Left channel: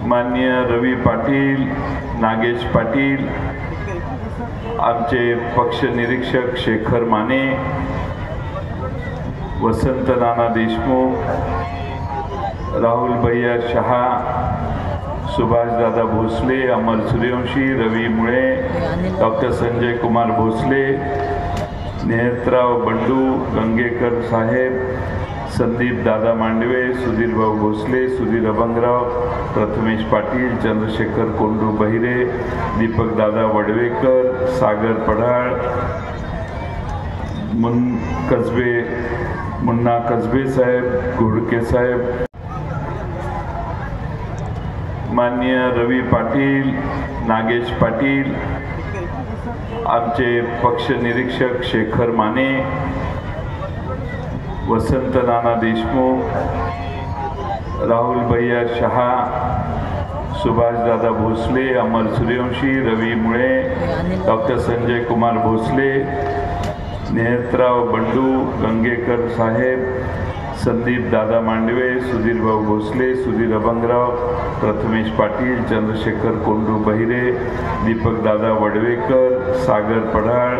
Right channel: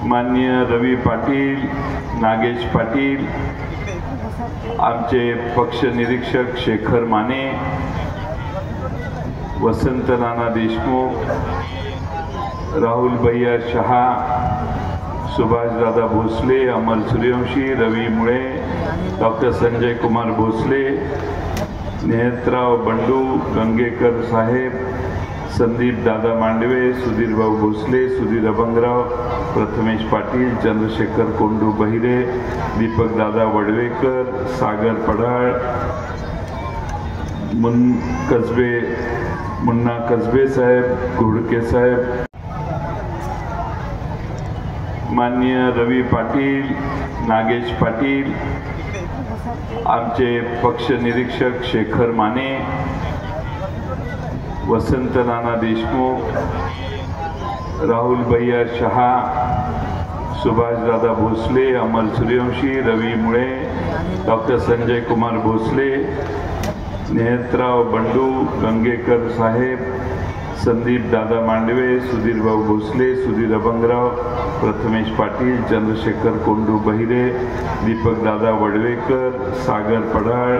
माननीय रवी पाटील, नागेश पाटील, आमचे पक्ष निरीक्षक शेखर माने, वसंत नाना देशमुख, राहुल भैया शहा, सुभाष दादा भोसले, अमर सूर्यवंशी, रवी मुळे, डॉक्टर संजय कुमार भोसले, नेहतराव बंडू, गंगेकर साहेब, संदीप दादा मांडवे, सुधीर भाऊ भोसले, सुधीर अभंगराव, प्रथमेश पाटील, चंद्रशेखर कोंडू बहिरे, दीपक दादा वडवेकर, सागर पढाळ, मुन्ना कसबे साहेब, घोडके साहेब, माननीय रवी पाटील, नागेश पाटील, आमचे पक्ष निरीक्षक शेखर माने, वसंत नाना देशमुख, राहुल भैया शहा, सुभाष दादा भोसले, अमर सूर्यवंशी, रवी मुळे, डॉक्टर संजय कुमार भोसले, नेहतराव बंडू, गंगेकर साहेब, संदीप दादा मांडवे, सुधीर भाऊ भोसले, सुधीर अभंगराव, प्रथमेश पाटील, चंद्रशेखर कोंडू बहिरे, दीपक दादा वडवेकर, सागर पढाळ,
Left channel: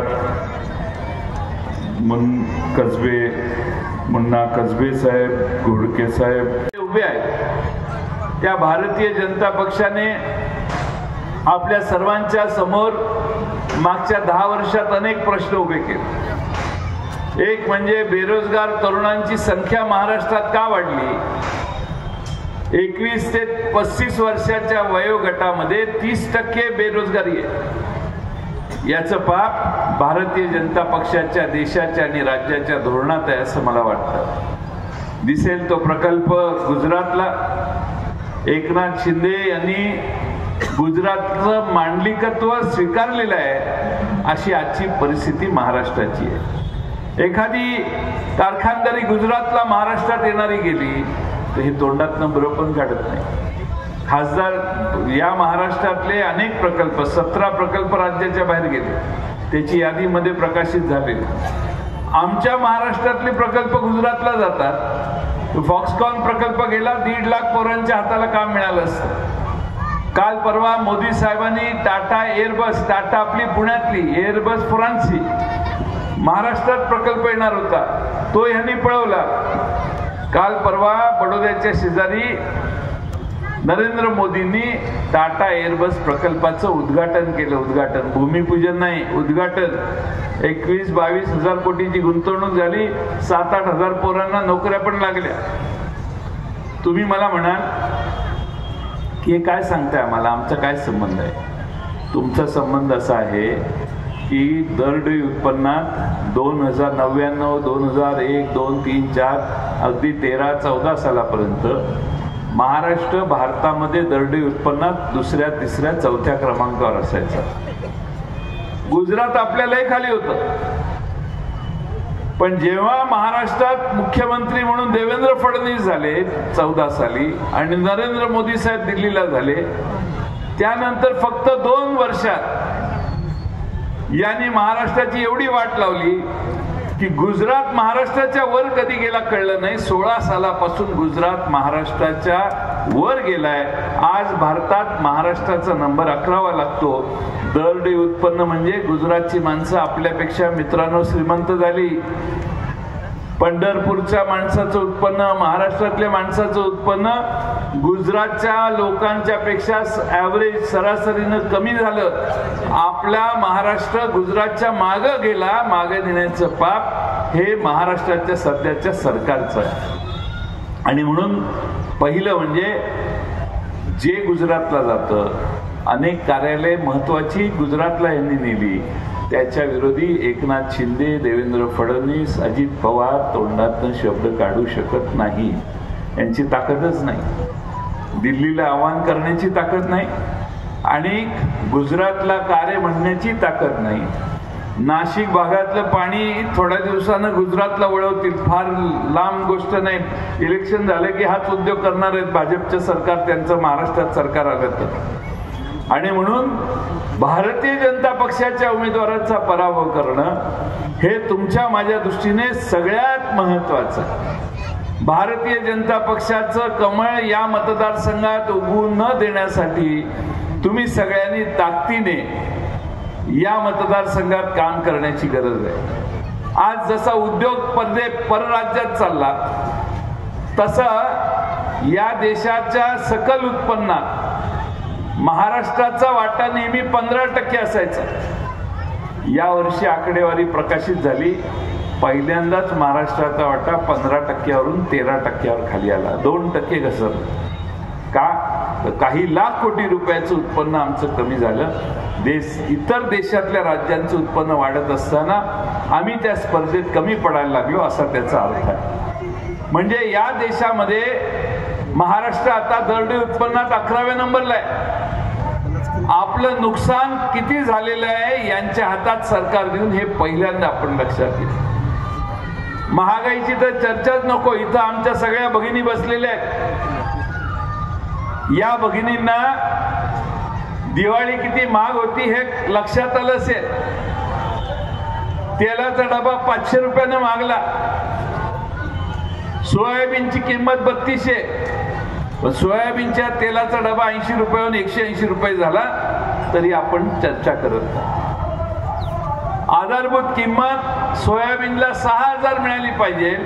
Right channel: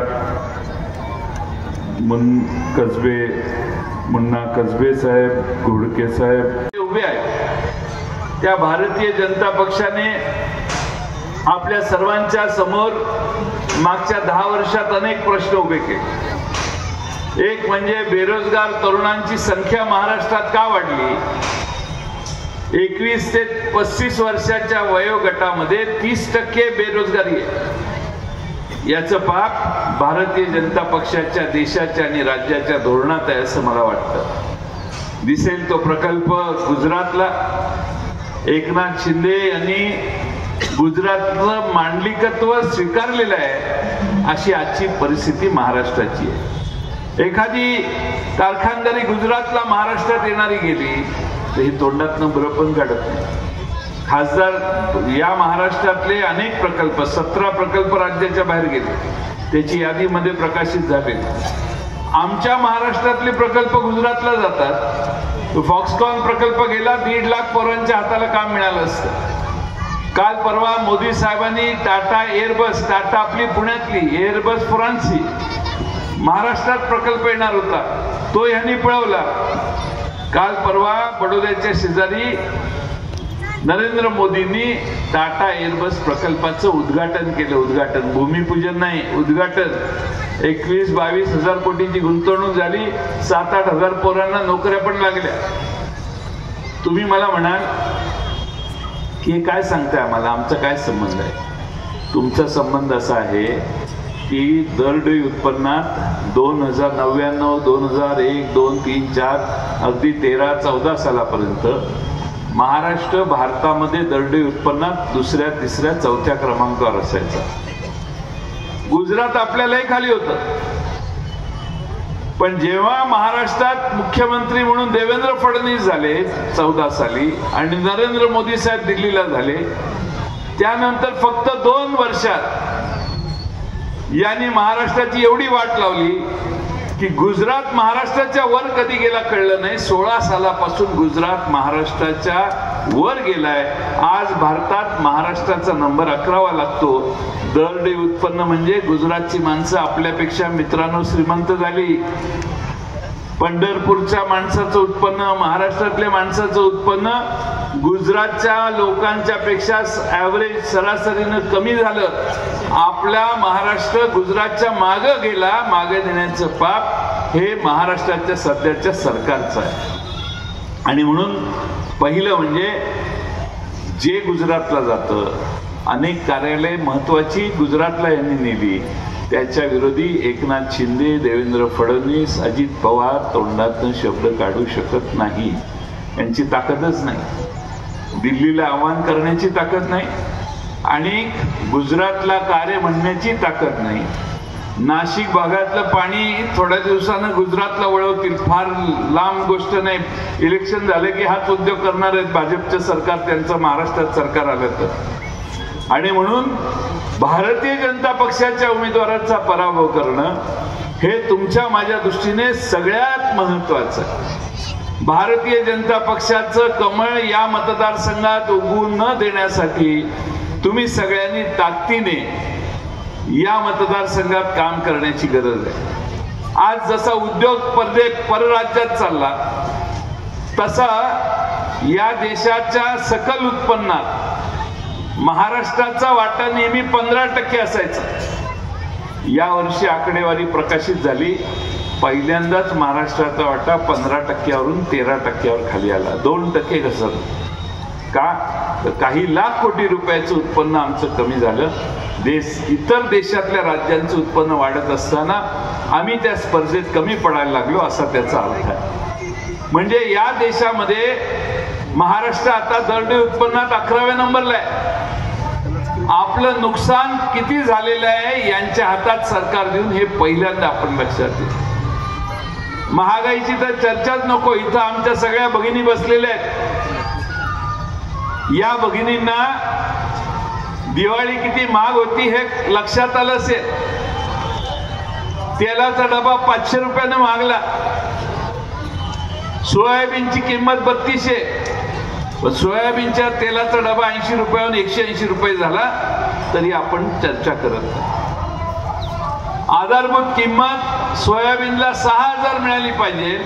मुन्ना कसबे साहेब, घोडके साहेब उभे आहेत। त्या भारतीय जनता पक्षाने आपल्या सर्वांच्या समोर मागच्या 10 वर्षात अनेक प्रश्न उभे केले। एक म्हणजे बेरोजगार तरुणांची संख्या महाराष्ट्रात का वाढली? 21 ते 35 वर्षाच्या वयोगटामध्ये 30% बेरोजगारी आहे। याचं पाप भारतीय जनता पक्षाच्या, देशाच्या आणि राज्याच्या धोरणात आहे असं मला वाटतं। दिसेल तो प्रकल्प गुजरातला, एकनाथ शिंदे यांनी गुजरातचं मांडलिकत्व स्वीकारलेलं आहे, अशी आजची परिस्थिती महाराष्ट्राची आहे। एखादी कारखानदारी गुजरातला महाराष्ट्रात येणारी गेली तर ही तोंडातनं बरं पण काढत नाही। खासदार या महाराष्ट्रातले अनेक प्रकल्प, 17 प्रकल्प राज्याच्या बाहेर गेले, त्याची यादीमध्ये प्रकाशित झाले। आमच्या महाराष्ट्रातले प्रकल्प गुजरातला जातात। फॉक्सकॉन प्रकल्प गेला, 1.5 लाख पोरांच्या हाताला काम मिळालं असतं। काल परवा मोदी साहेबांनी टाटा एअरबस, टाटा आपली पुण्यातली, एअरबस फ्रान्सची, महाराष्ट्रात प्रकल्प येणार होता, तो यांनी पळवला। काल परवा बडोद्याच्या शेजारी नरेंद्र मोदींनी टाटा एअरबस प्रकल्पाचं उद्घाटन केलं। भूमिपूजन नाही, उद्घाटन। 21-22 हजार कोटींची गुंतवणूक झाली, 7-8 हजार पोरांना नोकऱ्या पण लागल्या। तुम्ही मला म्हणाल की हे काय सांगताय आम्हाला, आमचा काय संबंध आहे? तुमचा संबंध असा आहे की दरडोई उत्पन्नात 2099, 2001, 2, 3, 4 अगदी 13-14 सालापर्यंत महाराष्ट्र भारतामध्ये दरडोई उत्पन्नात 2ऱ्या, 3ऱ्या, 4थ्या क्रमांकावर असायचा। गुजरात आपल्यालाही खाली होतं। पण जेव्हा महाराष्ट्रात मुख्यमंत्री म्हणून देवेंद्र फडणवीस झाले 14 साली आणि नरेंद्र मोदी साहेब दिल्लीला झाले, त्यानंतर फक्त 2 वर्षात यांनी महाराष्ट्राची एवढी वाट लावली की गुजरात महाराष्ट्राच्या वर कधी गेला कळलं नाही। 16 सालापासून गुजरात महाराष्ट्राच्या वर गेलाय। आज भारतात महाराष्ट्राचा नंबर 11वा लागतो। दरडोई उत्पन्न म्हणजे गुजरातची माणसं आपल्यापेक्षा मित्रांनो श्रीमंत झाली। पंढरपूरच्या माणसाचं उत्पन्न, महाराष्ट्रातल्या माणसाचं उत्पन्न गुजरातच्या लोकांच्या पेक्षा ॲव्हरेज सरासरीनं कमी झालं। आपला महाराष्ट्र गुजरातच्या मागं गेला। मागे नेण्याचं पाप हे महाराष्ट्राच्या सध्याच्या सरकारचं आहे। आणि म्हणून पहिलं म्हणजे जे गुजरातला जातं, अनेक कार्यालय महत्वाची गुजरातला यांनी नेली, त्याच्या विरोधी एकनाथ शिंदे, देवेंद्र फडणवीस, अजित पवार तोंडातून शब्द काढू शकत नाही। यांची ताकदच नाही, दिल्लीला आवाहन करण्याची ताकद नाही आणि गुजरातला कार्य म्हणण्याची ताकद नाही। नाशिक भागातलं पाणी थोड्या दिवसानं गुजरातला वळवतील, फार लांब गोष्ट नाही। इलेक्शन झाले की हाच उद्योग करणार आहेत भाजपचं सरकार, त्यांचं महाराष्ट्रात सरकार आलं तर। आणि म्हणून भारतीय जनता पक्षाच्या उमेदवाराचा पराभव करणं हे तुमच्या माझ्या दृष्टीने सगळ्यात महत्त्वाचं आहे। भारतीय जनता पक्षाचं कमळ या मतदारसंघात उगवू न देण्यासाठी तुम्ही सगळ्यांनी ताकदीने या मतदारसंघात काम करण्याची गरज आहे. आज जसा उद्योग परराज्यात चालला तसा या देशाच्या सकल उत्पन्नात महाराष्ट्राचा वाटा नेहमी 15% असायचा. यावर्षी आकडेवारी प्रकाशित झाली, पहिल्यांदाच महाराष्ट्राचा वाटा 15%वरून 13%वर खाली आला. 2% घसरला. का? तर काही लाख कोटी रुपयाचं उत्पन्न आमचं कमी झालं. इतर देशातल्या राज्यांचं उत्पन्न वाढत असताना आम्ही त्या स्पर्धेत कमी पडायला लागलो असा त्याचा अर्थ आहे. म्हणजे या देशामध्ये महाराष्ट्र आता दरडोई उत्पन्नात 11व्या नंबरला आहे. आपलं नुकसान किती झालेलं आहे यांच्या हातात सरकार देऊन हे पहिल्यांदा आपण लक्षात येईल. महागाईची तर चर्चाच नको. इथं आमच्या सगळ्या भगिनी बसलेल्या आहेत. या भगिनींना दिवाळी किती महाग होती हे लक्षात आलं असेल. तेलाचा डबा 500 रुपयाने मागला. सोयाबीनची किंमत 3200. सोयाबीनच्या तेलाचा डबा 80 रुपयाहून 180 रुपये झाला तरी आपण चर्चा करत नाही. आधारभूत किंमत सोयाबीनला 6000 मिळाली पाहिजे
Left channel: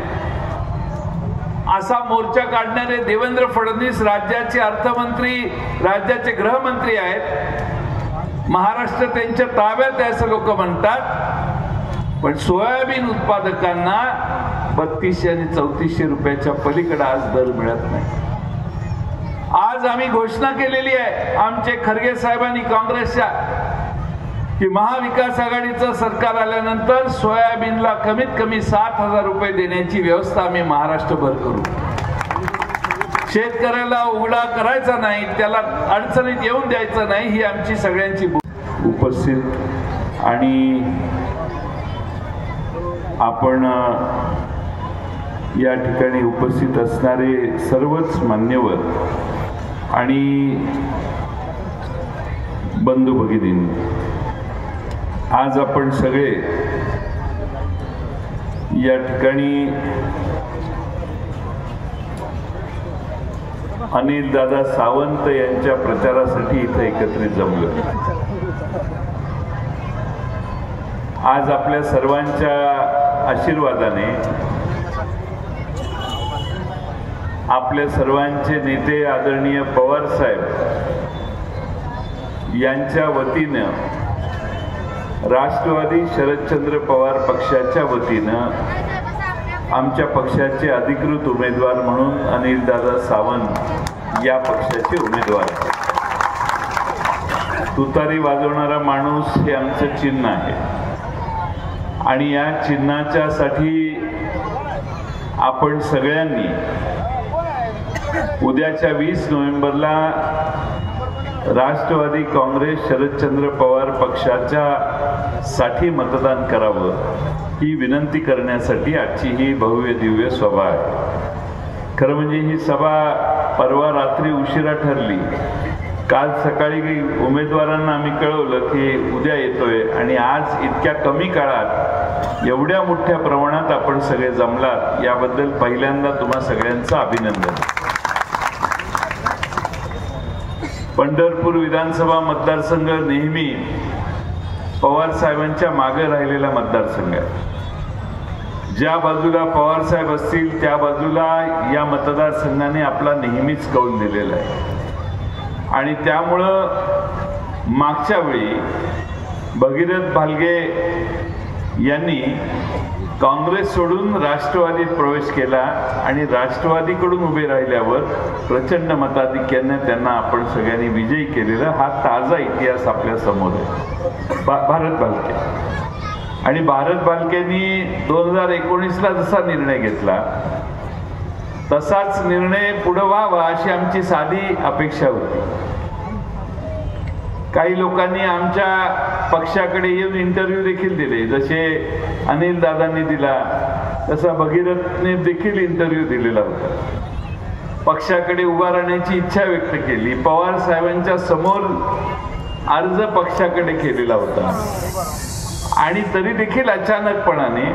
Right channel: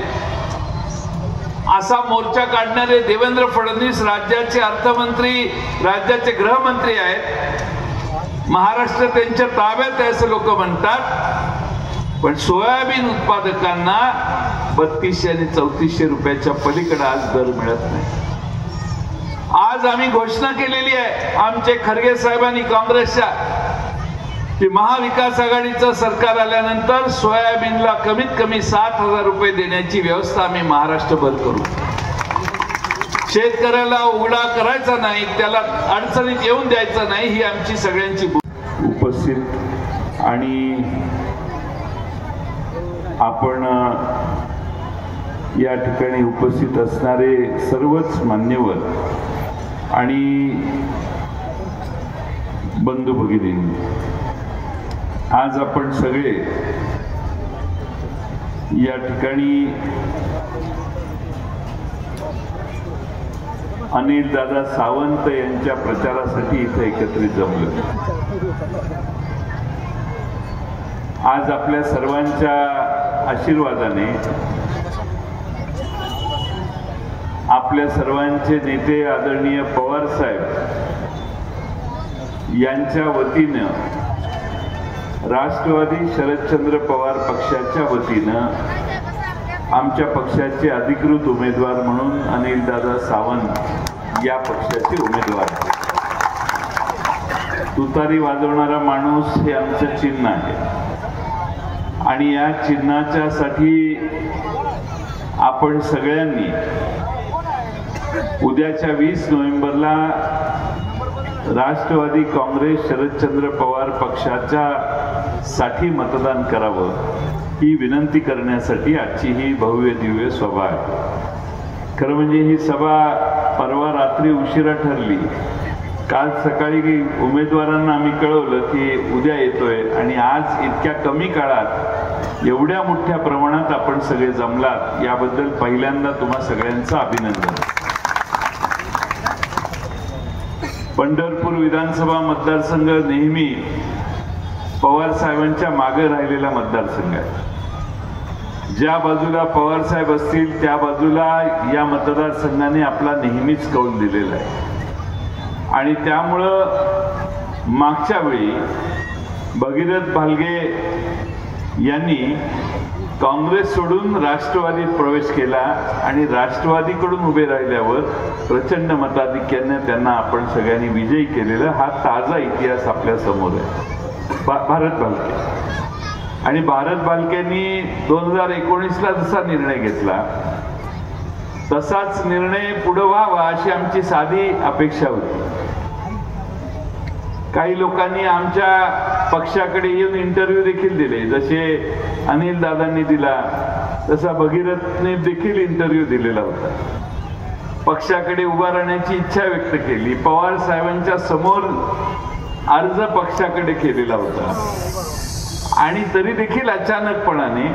असा मोर्चा काढणारे देवेंद्र फडणवीस राज्याचे अर्थमंत्री, राज्याचे गृहमंत्री आहेत. महाराष्ट्र त्यांच्या ताब्यात आहे असं लोक म्हणतात. पण सोयाबीन उत्पादकांना 3200 आणि 3400 रुपयाच्या पलीकडे आज दर मिळत नाही. आज आम्ही घोषणा केलेली आहे आमचे खरगे साहेबांनी काँग्रेसच्या की महाविकास आघाडीचं सरकार आल्यानंतर सोयाबीनला कमीत कमी 7000 रुपये देण्याची व्यवस्था आम्ही महाराष्ट्रभर करू. शेतकऱ्याला उघडा करायचा नाही, त्याला अडचणीत येऊन द्यायचं नाही, ही आमची सगळ्यांची उपस्थित आणि आपण या ठिकाणी उपस्थित असणारे सर्वच मान्यवर आणि बंधू भगिनींनी, आज आपण सगळे या ठिकाणी अनिल दादा सावंत यांच्या प्रचारासाठी इथे एकत्रित जमलो. आज आपल्या सर्वांच्या आशीर्वादाने आपल्या सर्वांचे नेते आदरणीय पवार साहेब यांच्या वतीनं राष्ट्रवादी शरदचंद्र पवार पक्षाच्या वतीनं आमच्या पक्षाचे अधिकृत उमेदवार म्हणून अनिलदादा सावंत या पक्षाचे उमेदवार. तुतारी वाजवणारा माणूस हे आमचं चिन्ह आहे आणि या चिन्हाच्या साठी आपण सगळ्यांनी उद्याच्या 20 नोव्हेंबरला राष्ट्रवादी काँग्रेस शरदचंद्र पवार पक्षाच्या साठी मतदान करावं ही विनंती करण्यासाठी आजची ही भव्य दिव्य सभा आहे. खरं म्हणजे ही सभा परवा रात्री उशिरा ठरली. काल सकाळी उमेदवारांना आम्ही कळवलं की उद्या येतोय आणि आज इतक्या कमी काळात एवढ्या मोठ्या प्रमाणात आपण सगळे जमलात याबद्दल पहिल्यांदा तुम्हा सगळ्यांचं अभिनंदन. पंढरपूर विधानसभा मतदारसंघ नेहमी पवार साहेबांच्या मागे राहिलेला मतदारसंघ आहे. ज्या बाजूला पवार साहेब असतील त्या बाजूला या मतदारसंघाने आपला नेहमीच कौल दिलेला आहे आणि त्यामुळं मागच्या वेळी भगीरथ भालगे यांनी काँग्रेस सोडून राष्ट्रवादीत प्रवेश केला आणि राष्ट्रवादीकडून उभे राहिल्यावर प्रचंड मताधिक्याने त्यांना आपण सगळ्यांनी विजयी केलेला हा ताजा इतिहास आपल्या समोर आहे. भारत भालके आणि भारत भालकेंनी 2019ला जसा निर्णय घेतला तसाच निर्णय पुढे व्हावा अशी आमची साधी अपेक्षा होती. काही लोकांनी आमच्या पक्षाकडे येऊन इंटरव्ह्यू देखील दिले, जसे अनिल दादांनी दिला तसा भगीरथने देखील इंटरव्ह्यू दिलेला होता. पक्षाकडे उभा राहण्याची इच्छा व्यक्त केली. पवार साहेबांच्या समोर अर्ज पक्षाकडे केलेला होता आणि तरी देखील अचानकपणाने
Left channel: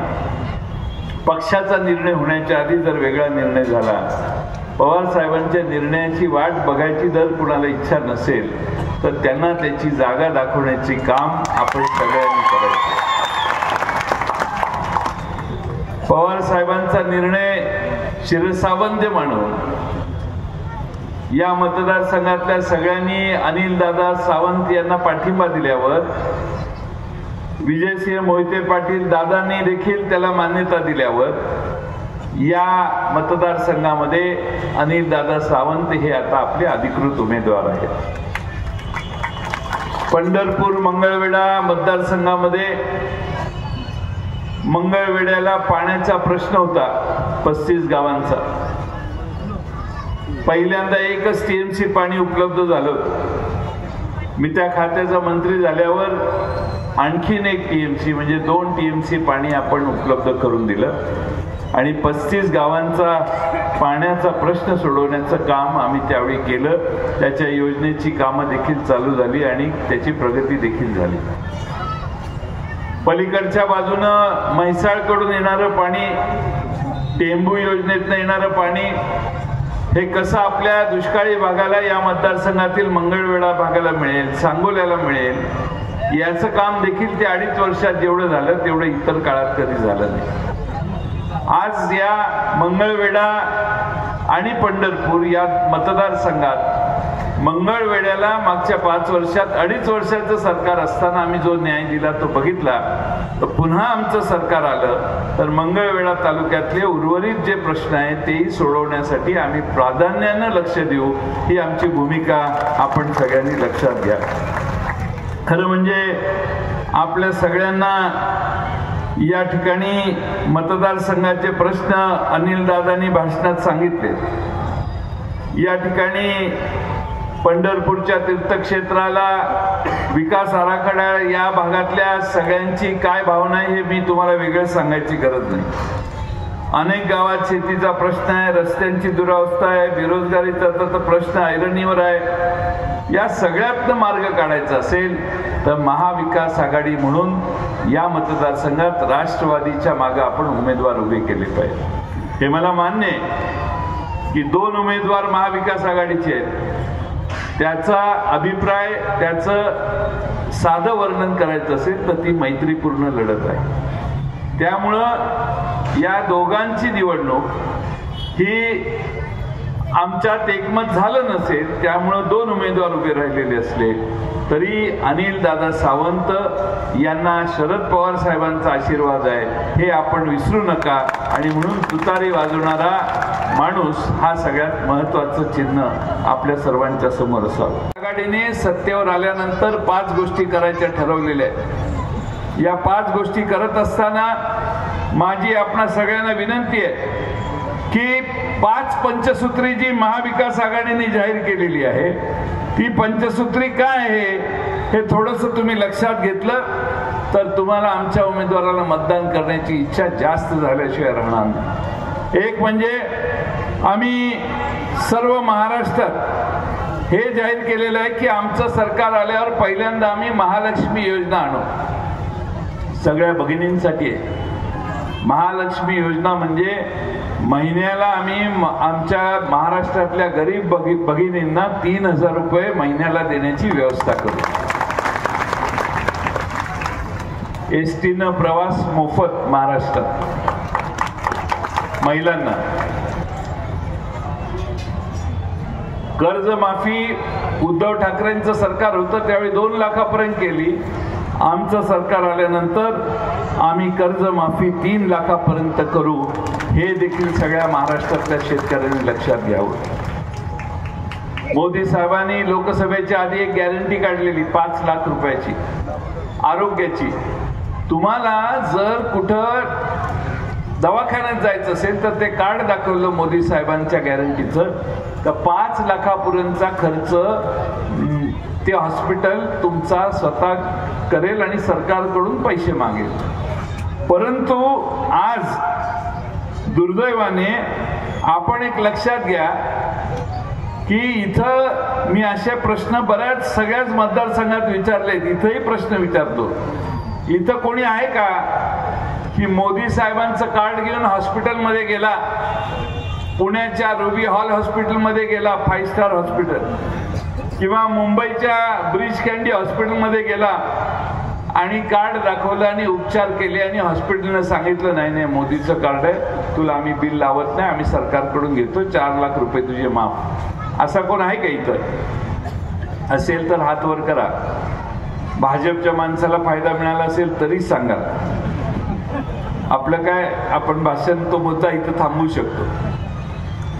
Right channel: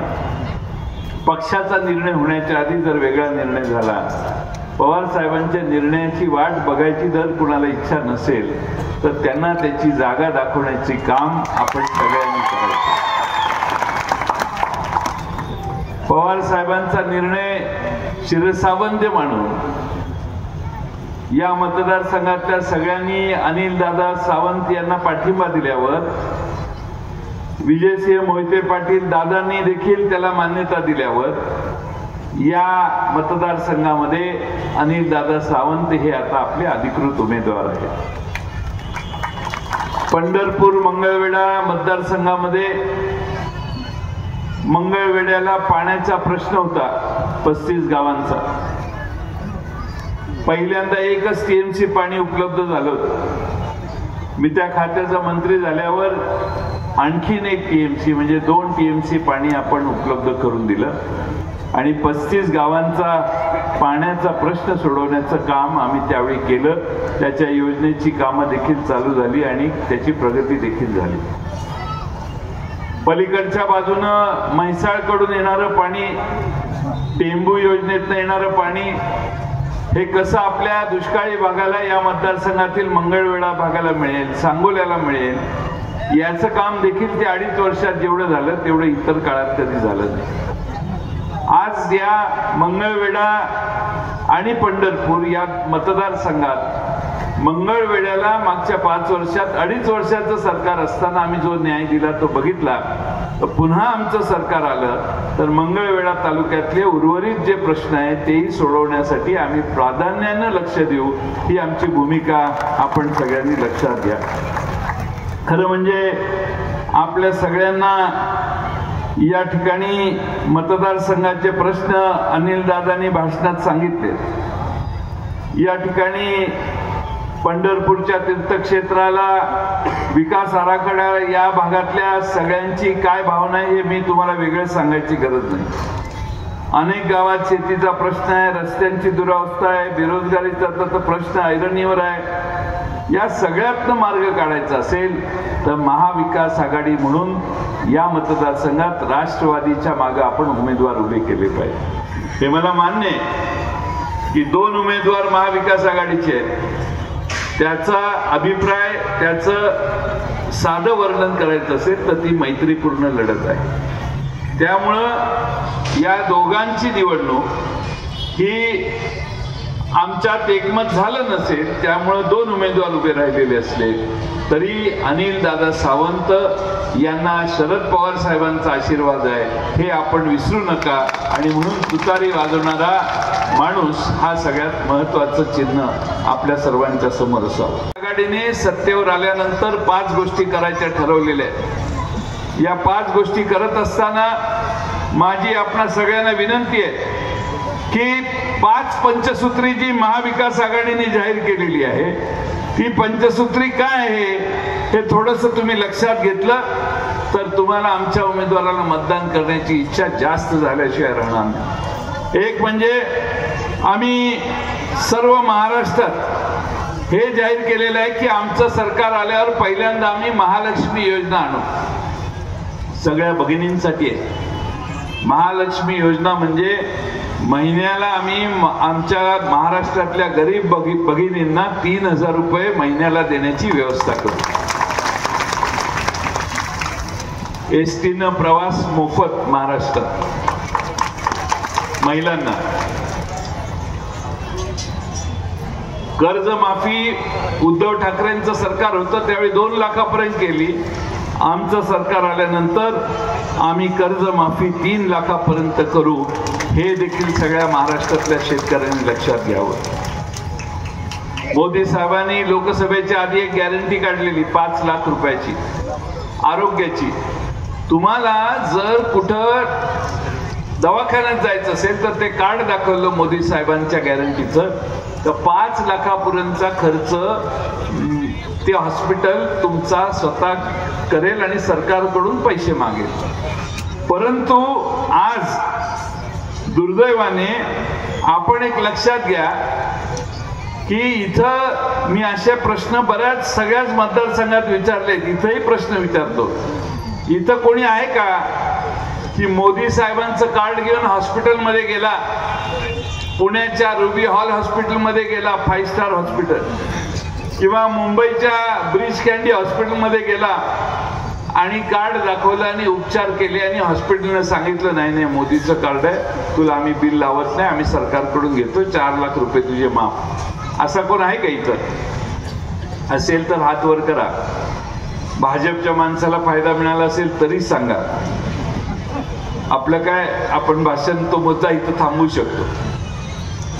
पक्षाचा निर्णय होण्याच्या आधी जर वेगळा निर्णय झाला, पवार साहेबांच्या निर्णयाची वाट बघायची जर कुणाला इच्छा नसेल तर त्यांना त्याची जागा दाखवण्याचे काम आपण सगळ्यांनी करायचं. पवार साहेबांचा निर्णय शिरसावंत मानून या मतदारसंघातल्या सगळ्यांनी अनिलदादा सावंत यांना पाठिंबा दिल्यावर विजयसिंह मोहिते पाटील दादांनी देखील त्याला मान्यता दिल्यावर या मतदारसंघामध्ये अनिलदादा सावंत हे आता आपले अधिकृत उमेदवार आहेत. पंढरपूर मंगळवेढा मतदारसंघामध्ये मंगळवेढ्याला पाण्याचा प्रश्न होता 35 गावांचा. पहिल्यांदा एकच टीएमसी पाणी उपलब्ध झालं. मी त्या खात्याचा मंत्री झाल्यावर आणखीन एक टीएमसी म्हणजे 2 टीएमसी पाणी आपण उपलब्ध करून दिलं आणि 35 गावांचा पाण्याचा प्रश्न सोडवण्याचं काम आम्ही त्यावेळी केलं. त्याच्या योजनेची कामं देखील चालू झाली आणि त्याची प्रगती देखील झाली. पलीकडच्या बाजूनं म्हैसाळकडून येणारं पाणी, टेंबू योजनेतनं येणारं पाणी हे कसं आपल्या दुष्काळी भागाला, या मतदारसंघातील मंगळवेढा भागाला मिळेल, सांगोल्याला मिळेल, याचं काम देखील ते 2.5 वर्षात जेवढं झालं तेवढं इतर काळात कधी झालं नाही. आज या मंगळवेढा आणि पंढरपूर या मतदारसंघात मंगळवेढ्याला मागच्या 5 वर्षात 2.5 वर्षाचं सरकार असताना आम्ही जो न्याय दिला तो बघितला. तर पुन्हा आमचं सरकार आलं तर मंगळवेढा तालुक्यातले उर्वरित जे प्रश्न आहेत तेही सोडवण्यासाठी आम्ही प्राधान्यानं लक्ष देऊ, ही आमची भूमिका आपण सगळ्यांनी लक्षात घ्या. खरं म्हणजे आपल्या सगळ्यांना या ठिकाणी मतदारसंघाचे प्रश्न अनिलदादांनी भाषणात सांगितले. या ठिकाणी पंढरपूरच्या तीर्थक्षेत्राला विकास आराखडा, या भागातल्या सगळ्यांची काय भावना आहे हे मी तुम्हाला वेगळं सांगायची गरज नाही. अनेक गावात शेतीचा प्रश्न आहे, रस्त्यांची दुरावस्था आहे, बेरोजगारीचा तर प्रश्न ऐरणीवर आहे. या सगळ्यातनं मार्ग काढायचा असेल तर महाविकास आघाडी म्हणून या मतदारसंघात राष्ट्रवादीच्या मागे आपण उमेदवार उभे केले पाहिजे. हे मला मान्य आहे की 2 उमेदवार महाविकास आघाडीचे आहेत. त्याचा अभिप्राय, त्याचं साधं वर्णन करायचं असेल तर ती मैत्रीपूर्ण लढत आहे. त्यामुळं या दोघांची निवडणूक ही आमच्यात एकमत झालं नसेल, त्यामुळं 2 उमेदवार उभे राहिलेले असले तरी अनिलदादा सावंत यांना शरद पवार साहेबांचा आशीर्वाद आहे हे आपण विसरू नका. आणि म्हणून तुतारी वाजवणारा माणूस हा सगळ्यात महत्वाचं चिन्ह आपल्या सर्वांच्या समोर असावं. आघाडीने सत्तेवर आल्यानंतर 5 गोष्टी करायच्या ठरवलेल्या आहेत. या 5 गोष्टी करत असताना माझी आपणा सगळ्यांना विनंती आहे की 5 पंचसूत्री जी महाविकास आघाडीने जाहीर केलेली आहे ती पंचसूत्री काय आहे हे थोडंसं तुम्ही लक्षात घेतलं तर तुम्हाला आमच्या उमेदवाराला मतदान करण्याची इच्छा जास्त झाल्याशिवाय राहणार नाही. एक म्हणजे आम्ही सर्व महाराष्ट्रात हे जाहीर केलेलं आहे की आमचं सरकार आल्यावर पहिल्यांदा आम्ही महालक्ष्मी योजना आणू. सगळ्या भगिनींसाठी आहे महालक्ष्मी योजना. म्हणजे महिन्याला आम्ही आमच्या महाराष्ट्रातल्या गरीब भगिनींना 3,000 रुपये महिन्याला देण्याची व्यवस्था करू. एसटीनं प्रवास मोफत महाराष्ट्रात महिलांना. कर्जमाफी उद्धव ठाकरेंचं सरकार होतं त्यावेळी 2 लाखापर्यंत केली. आमचं सरकार आल्यानंतर आम्ही कर्जमाफी 3 लाखापर्यंत करू. हे देखील सगळ्या महाराष्ट्रातल्या शेतकऱ्यांनी लक्षात घ्यावं. मोदी साहेबांनी लोकसभेच्या आधी एक गॅरंटी काढलेली 5 लाख रुपयाची आरोग्याची. तुम्हाला जर कुठं दवाखान्यात जायचं असेल तर ते कार्ड दाखवलं मोदी साहेबांच्या गॅरंटीचं तर 5 लाखापर्यंतचा खर्च ते हॉस्पिटल तुमचा स्वतः करेल आणि सरकारकडून पैसे मागेल. परंतु आज दुर्दैवाने आपण एक लक्षात घ्या की इथं मी असे प्रश्न बऱ्याच सगळ्याच मतदारसंघात विचारले. इथंही प्रश्न विचारतो. इथं कोणी आहे का की मोदी साहेबांचं कार्ड घेऊन हॉस्पिटलमध्ये गेला, पुण्याच्या रुबी हॉल हॉस्पिटलमध्ये गेला, 5 स्टार हॉस्पिटल, किंवा मुंबईच्या ब्रिज कँडी हॉस्पिटलमध्ये गेला आणि कार्ड दाखवलं आणि उपचार केले आणि हॉस्पिटलने सांगितलं नाही नाही मोदीचं कार्ड आहे, तुला आम्ही बिल लावत नाही, आम्ही सरकारकडून घेतो, 4 लाख रुपये तुझे माफ. असा कोण आहे का इथं? असेल तर हात वर करा. भाजपच्या माणसाला फायदा मिळाला असेल तरी सांगा. आपलं काय, आपण भाषण तो मुद्दा इथं थांबवू शकतो.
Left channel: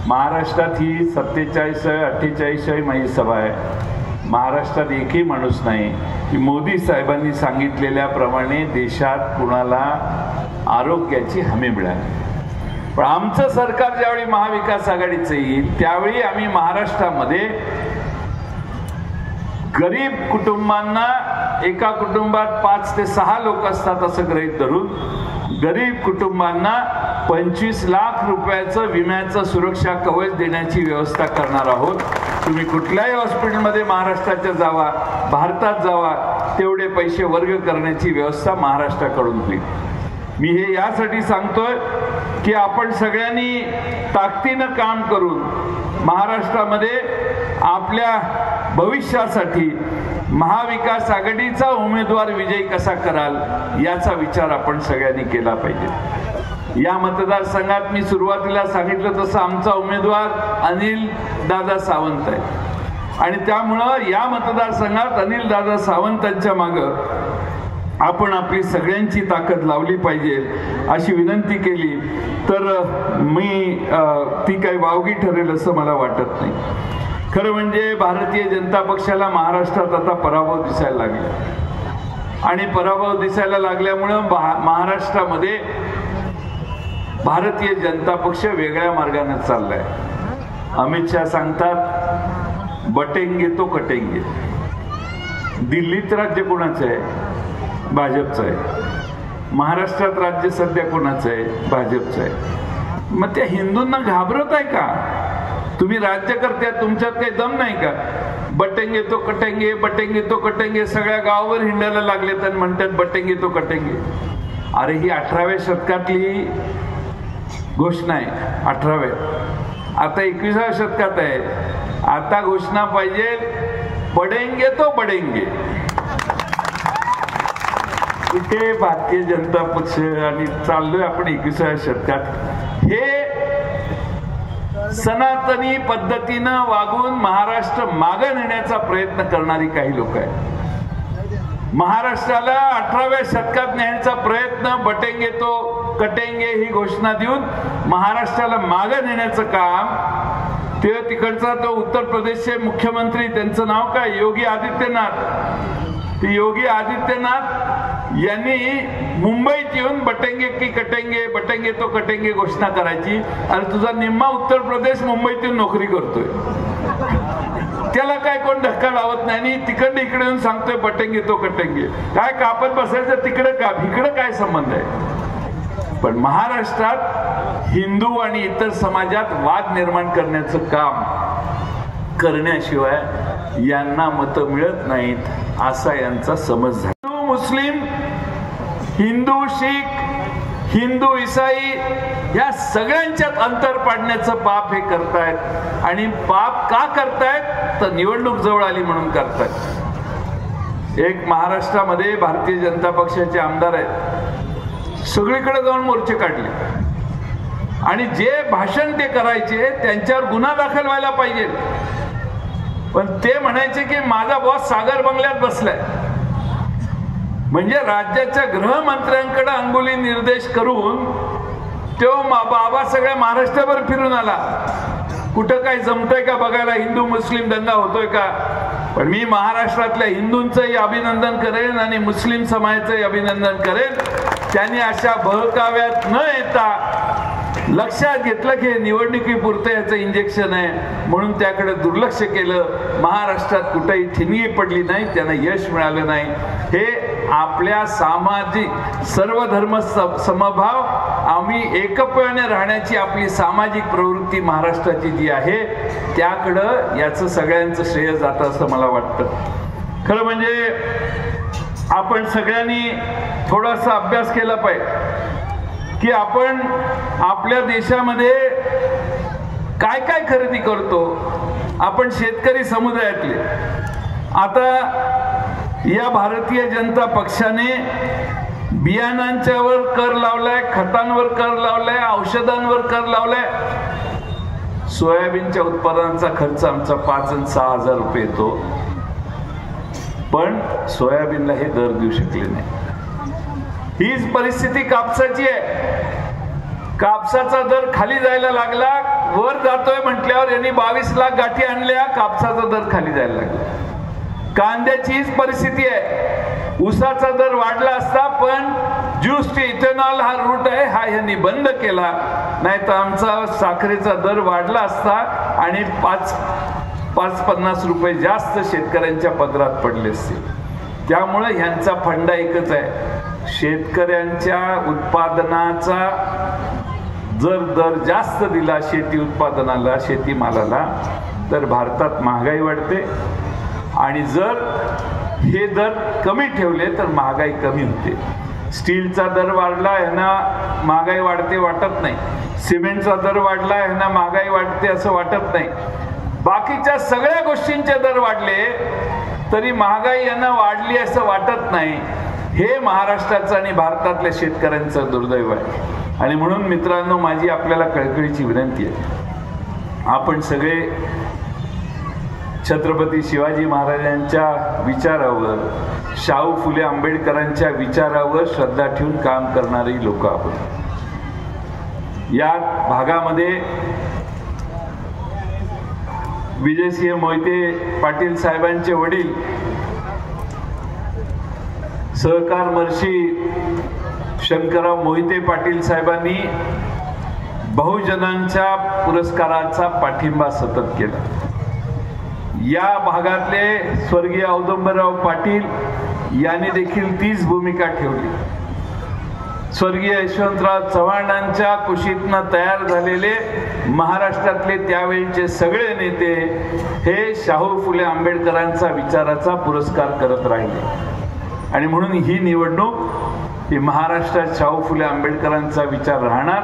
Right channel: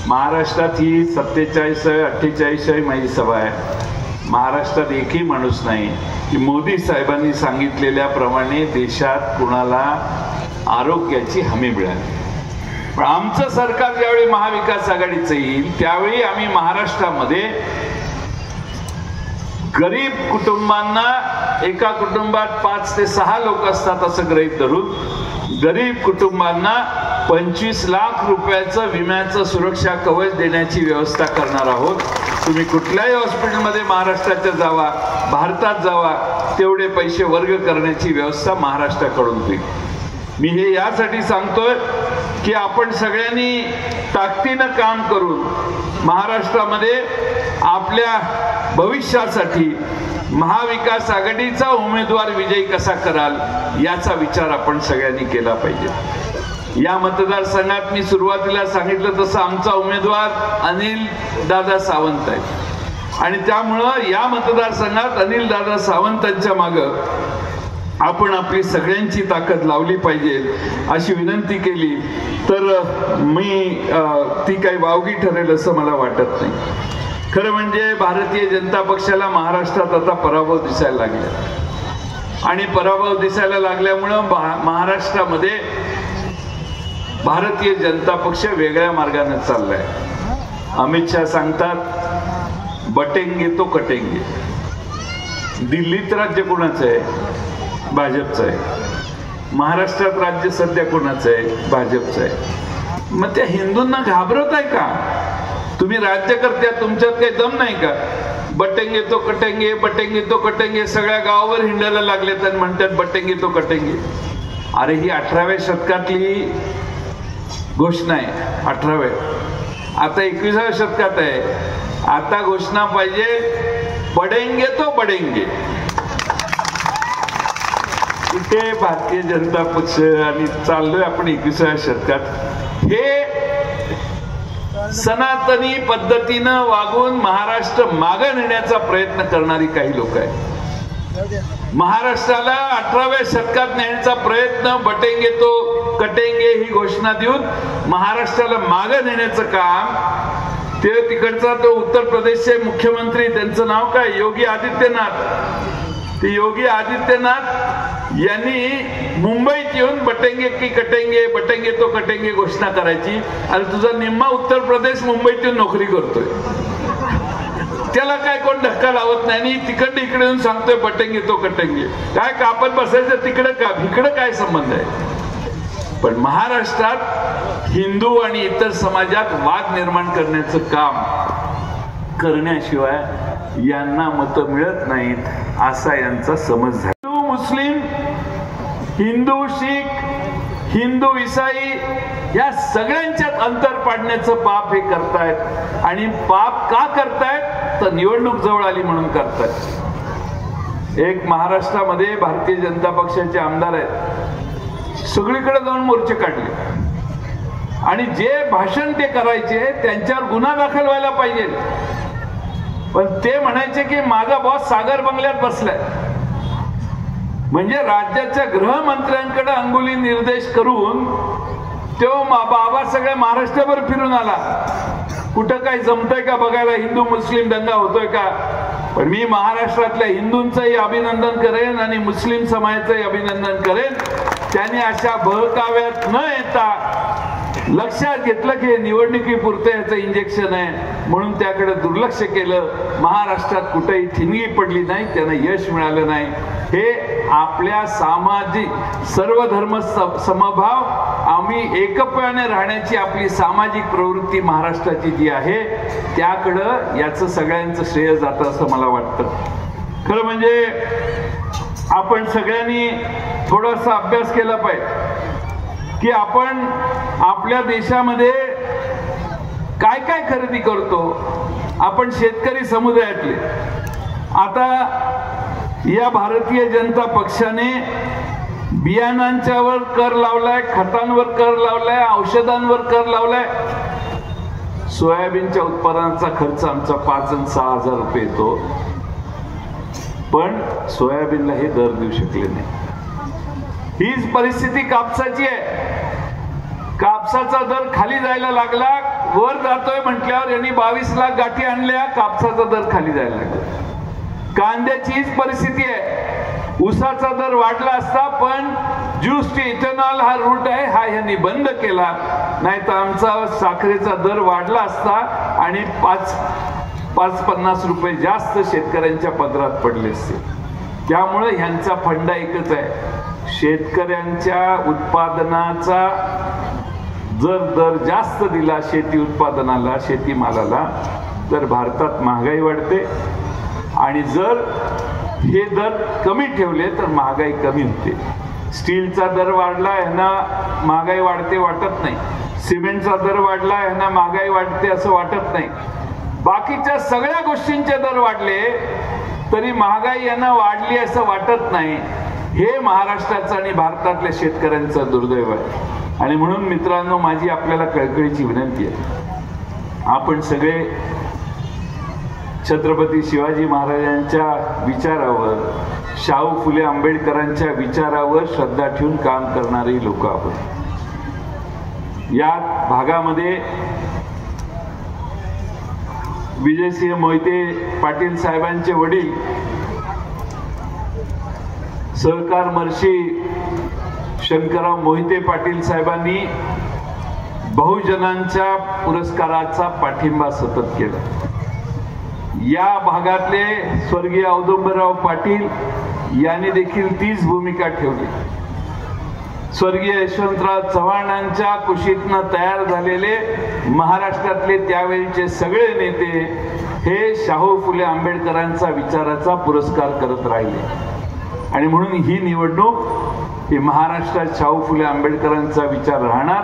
महाराष्ट्रात ही 47-48 माझी सभा आहे. महाराष्ट्रात एकही माणूस नाही की मोदी साहेबांनी सांगितलेल्याप्रमाणे देशात कुणाला आरोग्याची हमी मिळाली. पण आमचं सरकार ज्यावेळी महाविकास आघाडीचं येईल त्यावेळी आम्ही महाराष्ट्रामध्ये गरीब कुटुंबांना, एका कुटुंबात 5 ते 6 लोक असतात असं गृहीत धरून, गरीब कुटुंबांना 25 लाख रुपयाचं विम्याचं सुरक्षा कवच देण्याची व्यवस्था करणार आहोत. तुम्ही कुठल्याही हॉस्पिटलमध्ये महाराष्ट्राच्या जावा, भारतात जावा, तेवढे पैसे वर्ग करण्याची व्यवस्था महाराष्ट्राकडून होईल. मी हे यासाठी सांगतोय की आपण सगळ्यांनी ताकदीनं काम करून महाराष्ट्रामध्ये आपल्या भविष्यासाठी महाविकास आघाडीचा उमेदवार विजयी कसा कराल याचा विचार आपण सगळ्यांनी केला पाहिजे. या मतदारसंघात मी सुरुवातीला सांगितलं तसं आमचा उमेदवार अनिल दादा सावंत आहे आणि त्यामुळं या मतदारसंघात अनिल दादा सावंतांच्या मागं आपण आपली सगळ्यांची ताकद लावली पाहिजे अशी विनंती केली तर मी ती काही वावगी ठरेल असं मला वाटत नाही. खरं म्हणजे भारतीय जनता पक्षाला महाराष्ट्रात आता पराभव दिसायला लागला आणि पराभव दिसायला लागल्यामुळं महाराष्ट्रामध्ये भारतीय जनता पक्ष वेगळ्या मार्गाने चाललाय. अमित शहा सांगतात बटेंगे तो कटेंगे. दिल्लीत राज्य कोणाचं आहे? भाजपचं आहे. महाराष्ट्रात राज्य सध्या कोणाचं आहे? भाजपचं आहे. मग त्या हिंदूंना घाबरत आहे का? तुम्ही राज्यकर्ते, तुमच्यात काही दम नाही का? बटेंगे तो कटेंगे, बटेंगे तो कटेंगे, सगळ्या गावावर हिंडायला लागले तर म्हणतात बटेंगे तो कटेंगे. अरे ही 18व्या शतकातली घोषणा आहे. 18व्या, आता 21व्या शतकात आहे. आता घोषणा पाहिजे पडेंगे तो बडेंगे. इथे भारतीय जनता पक्ष आणि चाललोय आपण 21व्या शतकात. हे सनातनी पद्धतीनं वागून महाराष्ट्र मागे नेण्याचा प्रयत्न करणारी काही लोक आहेत. महाराष्ट्राला 18व्या शतकात नेण्याचा प्रयत्न बटेंगे तो कटेंगे ही घोषणा देऊन महाराष्ट्राला मागे नेण्याचं काम ते तिकडचा तो उत्तर प्रदेशचे मुख्यमंत्री, त्यांचं नाव काय, योगी आदित्यनाथ. ते योगी आदित्यनाथ यांनी मुंबईत येऊन बटेंगे की कटेंगे, बटेंगे तो कटेंगे घोषणा करायची आणि तुझा निम्मा उत्तर प्रदेश मुंबईत येऊन नोकरी करतोय. त्याला काय कोण धक्का लावत नाही आणि तिकडे इकडे येऊन सांगतोय बटेंगे तो कटेंगे. काय कापत बसायचं तिकडे का, इकडे काय संबंध आहे? पण महाराष्ट्रात हिंदू आणि इतर समाजात वाद निर्माण करण्याचं काम करण्याशिवाय यांना मतं मिळत नाहीत असा यांचा समज झाला. हिंदू मुस्लिम, हिंदू शीख, हिंदू इसाई या सगळ्यांच्यात अंतर पाडण्याचं पाप हे करतायत. आणि पाप का करतायत तर निवडणूक जवळ आली म्हणून करतायत. एक महाराष्ट्रामध्ये भारतीय जनता पक्षाचे आमदार आहेत, सगळीकडे जाऊन मोर्चे काढले आणि जे भाषण ते करायचे त्यांच्यावर गुन्हा दाखल व्हायला पाहिजे. पण ते म्हणायचे की माझा बॉस सागर बंगल्यात बसलाय. म्हणजे राज्याच्या गृहमंत्र्यांकडे अंगुली निर्देश करून तो बाबा सगळ्या महाराष्ट्रभर फिरून आला. कुठं काय जमतंय का बघायला, हिंदू मुस्लिम दंगा होतोय का. पण मी महाराष्ट्रातल्या हिंदूंचंही अभिनंदन करेन आणि मुस्लिम समाजाचंही अभिनंदन करेन. त्यांनी अशा बहकाव्यात न येता लक्षात घेतलं की निवडणुकीपुरतं याचं इंजेक्शन आहे म्हणून त्याकडे दुर्लक्ष केलं. महाराष्ट्रात कुठेही ठिणगी पडली नाही, त्यांना यश मिळालं नाही. हे आपल्या सामाजिक सर्व धर्म समभाव, आम्ही एकत्वाने राहण्याची आपली सामाजिक प्रवृत्ती महाराष्ट्राची जी आहे त्याकडं याचं सगळ्यांचं श्रेय जातं असं मला वाटतं. खरं म्हणजे आपण सगळ्यांनी थोडासा अभ्यास केला पाहिजे. की आपण आपल्या देशामध्ये काय काय खरेदी करतो. आपण शेतकरी समुदायातले. आता या भारतीय जनता पक्षाने बियाणांच्यावर कर लावलाय, खतांवर कर लावलाय, औषधांवर कर लावलाय. सोयाबीनच्या उत्पादनाचा खर्च आमचा 5 आणि 6 हजार रुपये येतो, पण सोयाबीनला हे दर देऊ शकले नाही. हीच परिस्थिती कापसाची आहे. कापसाचा दर खाली जायला लागला, वर जातोय म्हटल्यावर यांनी 22 लाख गाठी आणल्या, कापसाचा दर खाली जायला लागला. कांद्याची हीच परिस्थिती आहे. ऊसाचा दर वाढला असता, पण ज्यूस टू इथेनॉल हा रूट आहे, हा ह्यांनी बंद केला. नाही तर आमचा साखरेचा दर वाढला असता आणि 5-50 रुपये जास्त शेतकऱ्यांच्या पदरात पडले असते. त्यामुळे ह्यांचा फंडा एकच आहे, शेतकऱ्यांच्या उत्पादनाचा जर दर जास्त दिला शेती उत्पादनाला, शेतीमालाला, तर भारतात महागाई वाढते. आणि जर हे दर कमी ठेवले तर महागाई कमी होते. स्टीलचा दर वाढला ह्यांना महागाई वाढते वाटत नाही, सिमेंटचा दर वाढला ह्यांना महागाई वाढते असं वाटत नाही. बाकीच्या सगळ्या गोष्टींचे दर वाढले तरी महागाई यांना वाढली असं वाटत नाही. हे महाराष्ट्राचं आणि भारतातल्या शेतकऱ्यांचं दुर्दैव आहे. आणि म्हणून मित्रांनो, माझी आपल्याला कळकळीची विनंती आहे, आपण सगळे छत्रपती शिवाजी महाराजांच्या विचारावर, शाहू फुले आंबेडकरांच्या विचारावर श्रद्धा ठेवून काम करणारी लोक आहोत. या भागामध्ये विजयसिंह मोहिते पाटील साहेबांचे वडील सहकार महर्षी शंकरराव मोहिते पाटील साहेबांनी बहुजनांच्या पुरस्काराचा पाठिंबा सतत केला. या भागातले स्वर्गीय औदुंबरराव पाटील यांनी देखील तीच भूमिका ठेवली. स्वर्गीय यशवंतराव चव्हाणांच्या कुशीतनं तयार झालेले महाराष्ट्रातले त्यावेळचे सगळे नेते हे शाहू फुले आंबेडकरांचा विचाराचा पुरस्कार करत राहिले. आणि म्हणून ही निवडणूक ही महाराष्ट्रात शाहू फुले आंबेडकरांचा विचार राहणार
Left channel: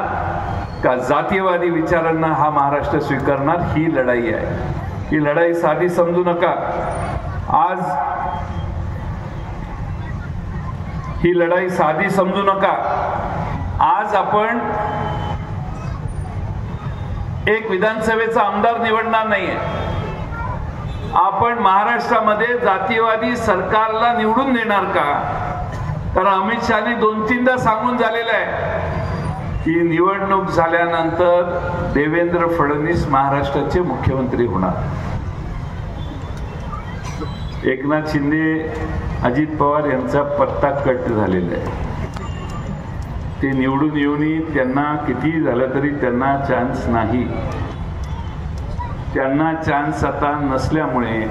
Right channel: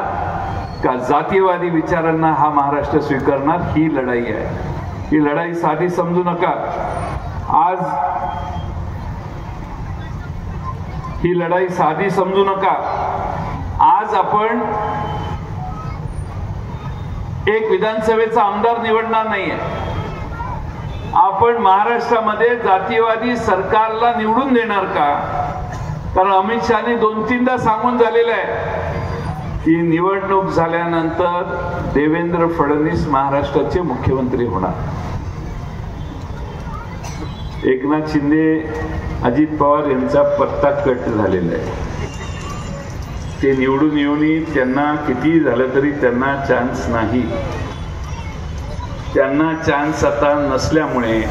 का जातीयवादी विचारांना हा महाराष्ट्र स्वीकारणार, ही लढाई आहे. ही लढाई साधी समजू नका. आज ही लढाई साधी समजू नका. आज आपण एक विधानसभेचा आमदार निवडणार नाहीये. आपण महाराष्ट्रामध्ये जातीयवादी सरकारला निवडून देणार का? कारण अमित शहानी 2-3दा सांगून झालेलं आहे की निवडणूक झाल्यानंतर देवेंद्र फडणवीस महाराष्ट्राचे मुख्यमंत्री होणार. एकनाथ शिंदे, अजित पवार यांचा पत्ता कट झालेला आहे. ते निवडून येऊनही त्यांना किती झालं तरी त्यांना चान्स नाही. त्यांना चान्स आता नसल्यामुळे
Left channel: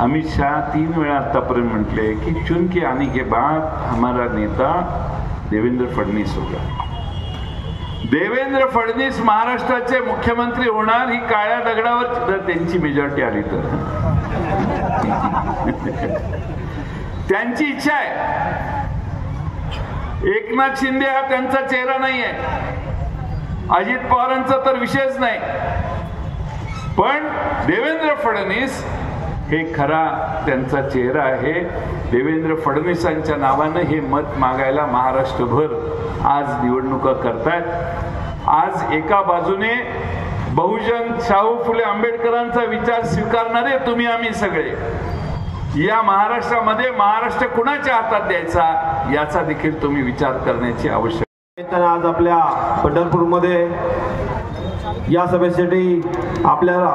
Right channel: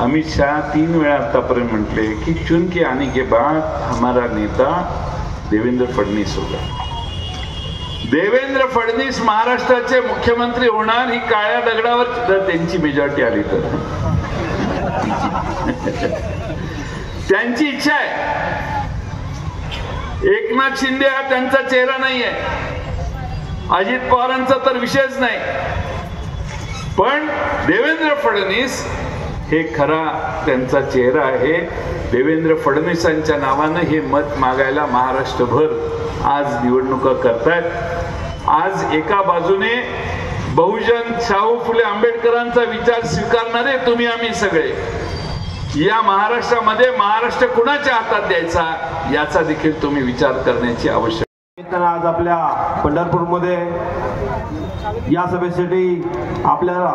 अमित शाह 3 वेळा आतापर्यंत म्हटले की चुनके आने के बाद हमारा नेता देवेंद्र फडणवीस होगा. देवेंद्र फडणवीस महाराष्ट्राचे मुख्यमंत्री होणार, ही काळ्या दगडावर जर त्यांची मेजॉरिटी आली तर. त्यांची इच्छा आहे. एकनाथ शिंदे हा त्यांचा चेहरा नाही आहे, अजित पवारांचा तर विषयच नाही, पण देवेंद्र फडणवीस हे खरा त्यांचा चेहरा आहे. देवेंद्र फडणवीसांच्या नावानं हे मत मागायला महाराष्ट्रभर आज निवडणुका करतात. आज एका बाजूने बहुजन शाहू फुले आंबेडकरांचा विचार स्वीकारणारे तुम्ही आम्ही सगळे, या महाराष्ट्रामध्ये महाराष्ट्र कुणाच्या हातात द्यायचा याचा देखील तुम्ही विचार करण्याची आवश्यकता. आज आपल्या पंढरपूरमध्ये या सभेसाठी आपल्याला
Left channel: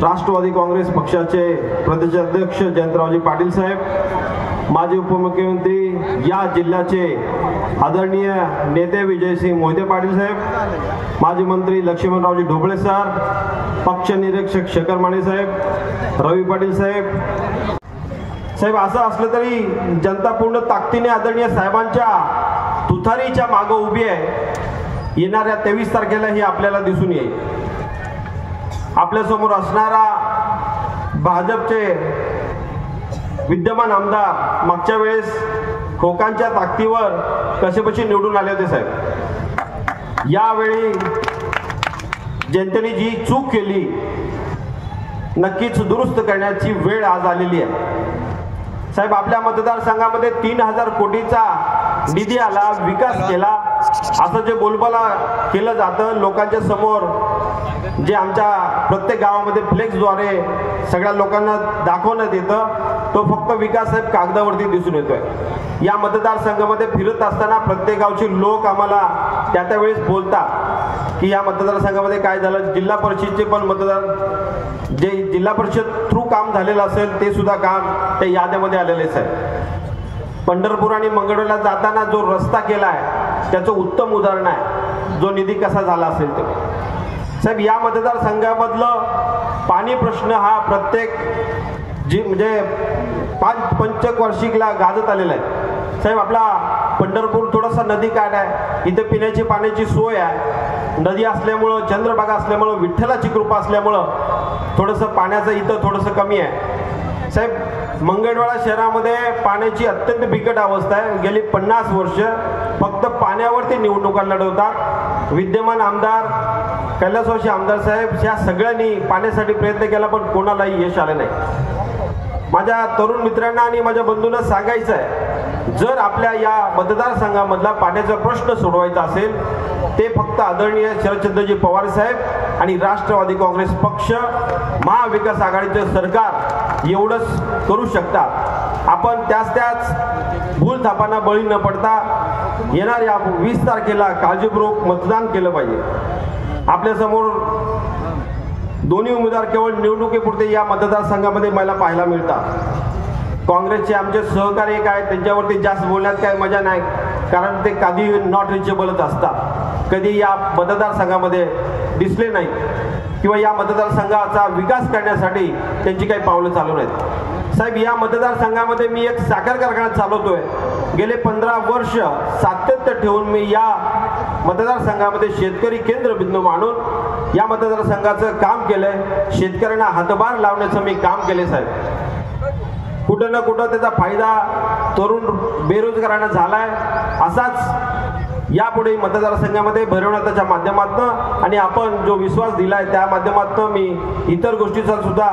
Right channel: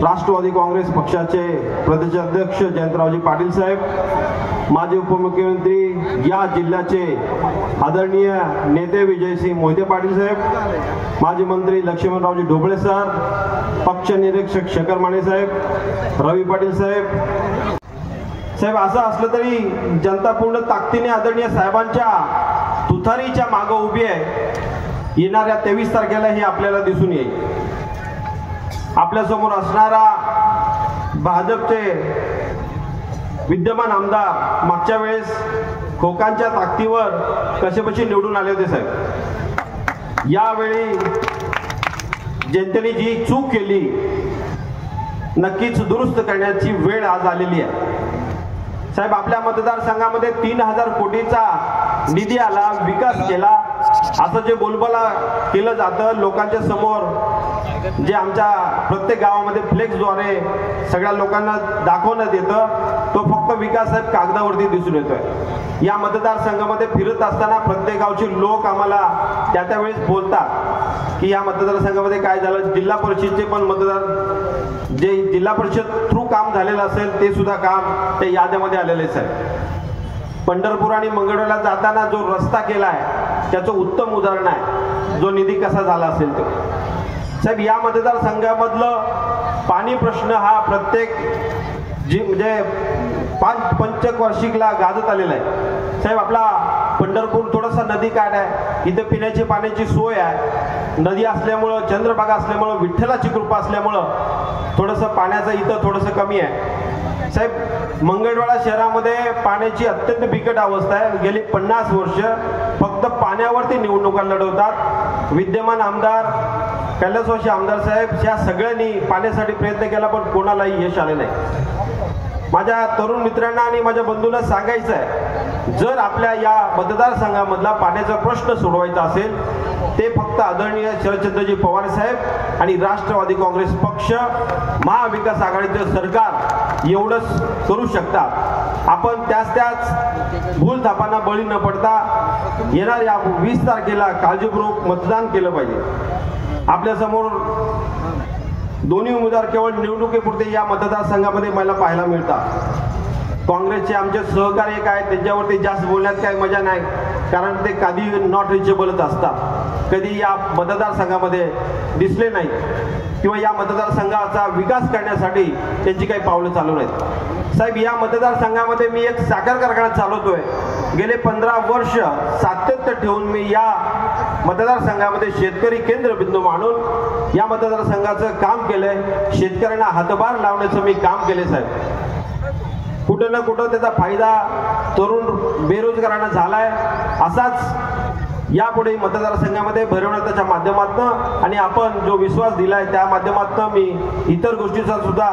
राष्ट्रवादी काँग्रेस पक्षाचे प्रदेशाध्यक्ष जयंतरावजी पाटील साहेब, माजी उपमुख्यमंत्री या जिल्ह्याचे आदरणीय नेते विजयसिंह मोहिते पाटील साहेब, माजी मंत्री लक्ष्मणरावजी ढोबळे सर, पक्ष निरीक्षक शेखर माने साहेब, रवी पाटील साहेब. असं असलं तरी जनता पूर्ण ताकदीने आदरणीय साहेबांच्या तुतारीच्या मागे उभी आहे. येणाऱ्या 23 तारखेला ही आपल्याला दिसून येईल. आपल्या समोर असणारा भाजपचे विद्यमान आमदार मागच्या वेळेस खोकांच्या ताकदीवर कसेबशी निवडून आले होते साहेब. यावेळी जनतेने जी चूक केली नक्कीच दुरुस्त करण्याची वेळ आज आलेली आहे साहेब. आपल्या मतदारसंघामध्ये 3,000 कोटीचा निधी आला, विकास केला असं जे बोलबाला केलं जातं लोकांच्या समोर, जे आमच्या प्रत्येक गावामध्ये फ्लेक्सद्वारे सगळ्या लोकांना दाखवण्यात येतं, तो फक्त विकास साहेब कागदावरती दिसून येतोय. या मतदारसंघामध्ये फिरत असताना प्रत्येक गावचे लोक आम्हाला त्या वेळेस बोलतात की या मतदारसंघामध्ये काय झालं. जिल्हा परिषदचे पण मतदार जे जिल्हा परिषद थ्रू काम झालेलं असेल ते सुद्धा काम त्या यादीमध्ये आलेलेच आहे. पंढरपूर आणि मंगळवेढ्याला जाताना जो रस्ता केलाय त्याचं उत्तम उदाहरण आहे, जो निधी कसा झाला असेल तो साहेब. या मतदारसंघामधलं पाणी प्रश्न हा प्रत्येक म्हणजे पंचवार्षिकला गाजत आलेला आहे साहेब. आपला पंढरपूर थोडासा नदी काठ आहे, इथे पिण्याची पाण्याची सोय आहे. नदी असल्यामुळं, चंद्रभागा असल्यामुळं, विठ्ठलाची कृपा असल्यामुळं थोडंसं पाण्याचं इथं थोडंसं कमी आहे साहेब. मंगळवेढा शहरामध्ये पाण्याची अत्यंत बिकट अवस्था आहे. गेली 50 वर्ष फक्त पाण्यावरती निवडणुका लढवतात. विद्यमान आमदार कैलासवासी आमदार साहेब या सगळ्यांनी पाण्यासाठी प्रयत्न केला पण कोणालाही यश आले नाही. माझ्या तरुण मित्रांना आणि माझ्या बंधूंना सांगायचं आहे, जर आपल्या या मतदारसंघामधला पाण्याचा प्रश्न सोडवायचा असेल ते फक्त आदरणीय शरदचंद्रजी पवार साहेब आणि राष्ट्रवादी काँग्रेस पक्ष, महाविकास आघाडीचे सरकार एवढंच करू शकतात. आपण त्याच भूलथापांना बळी न पडता येणाऱ्या 20 तारखेला काळजीपूर्वक मतदान केलं पाहिजे. आपल्यासमोर दोन्ही उमेदवार केवळ निवडणुकीपुरते या मतदारसंघामध्ये मला पाहायला मिळतात. काँग्रेसचे आमचे सहकारी काय त्यांच्यावरती जास्त बोलण्यात काय मजा नाही, कारण ते कधी नॉट रिचेबलच असतात, कधी या मतदारसंघामध्ये दिसले नाही किंवा या मतदारसंघाचा विकास करण्यासाठी त्यांची काही पावलं चालू नाहीत साहेब. या मतदारसंघामध्ये मी एक साखर कारखाना चालवतोय. गेले 15 वर्ष सातत्य ठेवून मी या मतदारसंघामध्ये शेतकरी केंद्रबिंदू मानून या मतदारसंघाचं काम केलंय. शेतकऱ्यांना हातभार लावण्याचं मी काम केले साहेब. कुठं ना कुठं त्याचा फायदा तरुण बेरोजगारांना झालाय. असाच यापुढे मतदारसंघामध्ये भरवण्याच्या माध्यमातून आणि आपण जो विश्वास दिलाय त्या माध्यमातून मी इतर गोष्टीचा सुद्धा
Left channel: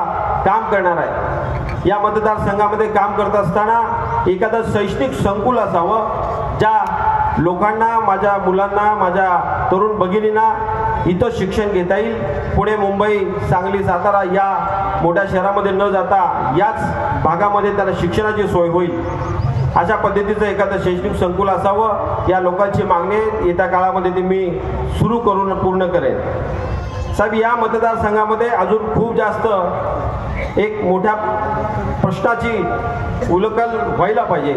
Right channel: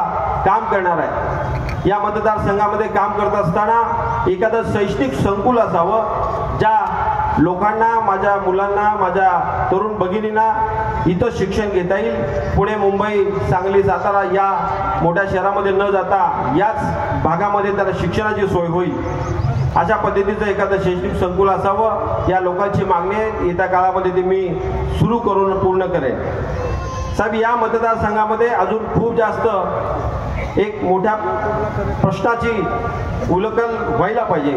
काम करणार आहे. या मतदारसंघामध्ये काम करत असताना एखादं शैक्षणिक संकुल असावं, ज्या लोकांना, माझ्या मुलांना, माझ्या तरुण भगिनींना इथं शिक्षण घेता येईल. पुणे, मुंबई, सांगली, सातारा या मोठ्या शहरामध्ये न जाता याच भागामध्ये त्यांना शिक्षणाची सोय होईल अशा पद्धतीचं एखादं शैक्षणिक संकुल असावं. या लोकांची मागणी येत्या काळामध्ये ती मी सुरू करून पूर्ण करेन साहेब. या मतदारसंघामध्ये अजून खूप जास्त एक मोठ्या प्रश्नाची उलगडल व्हायला पाहिजे.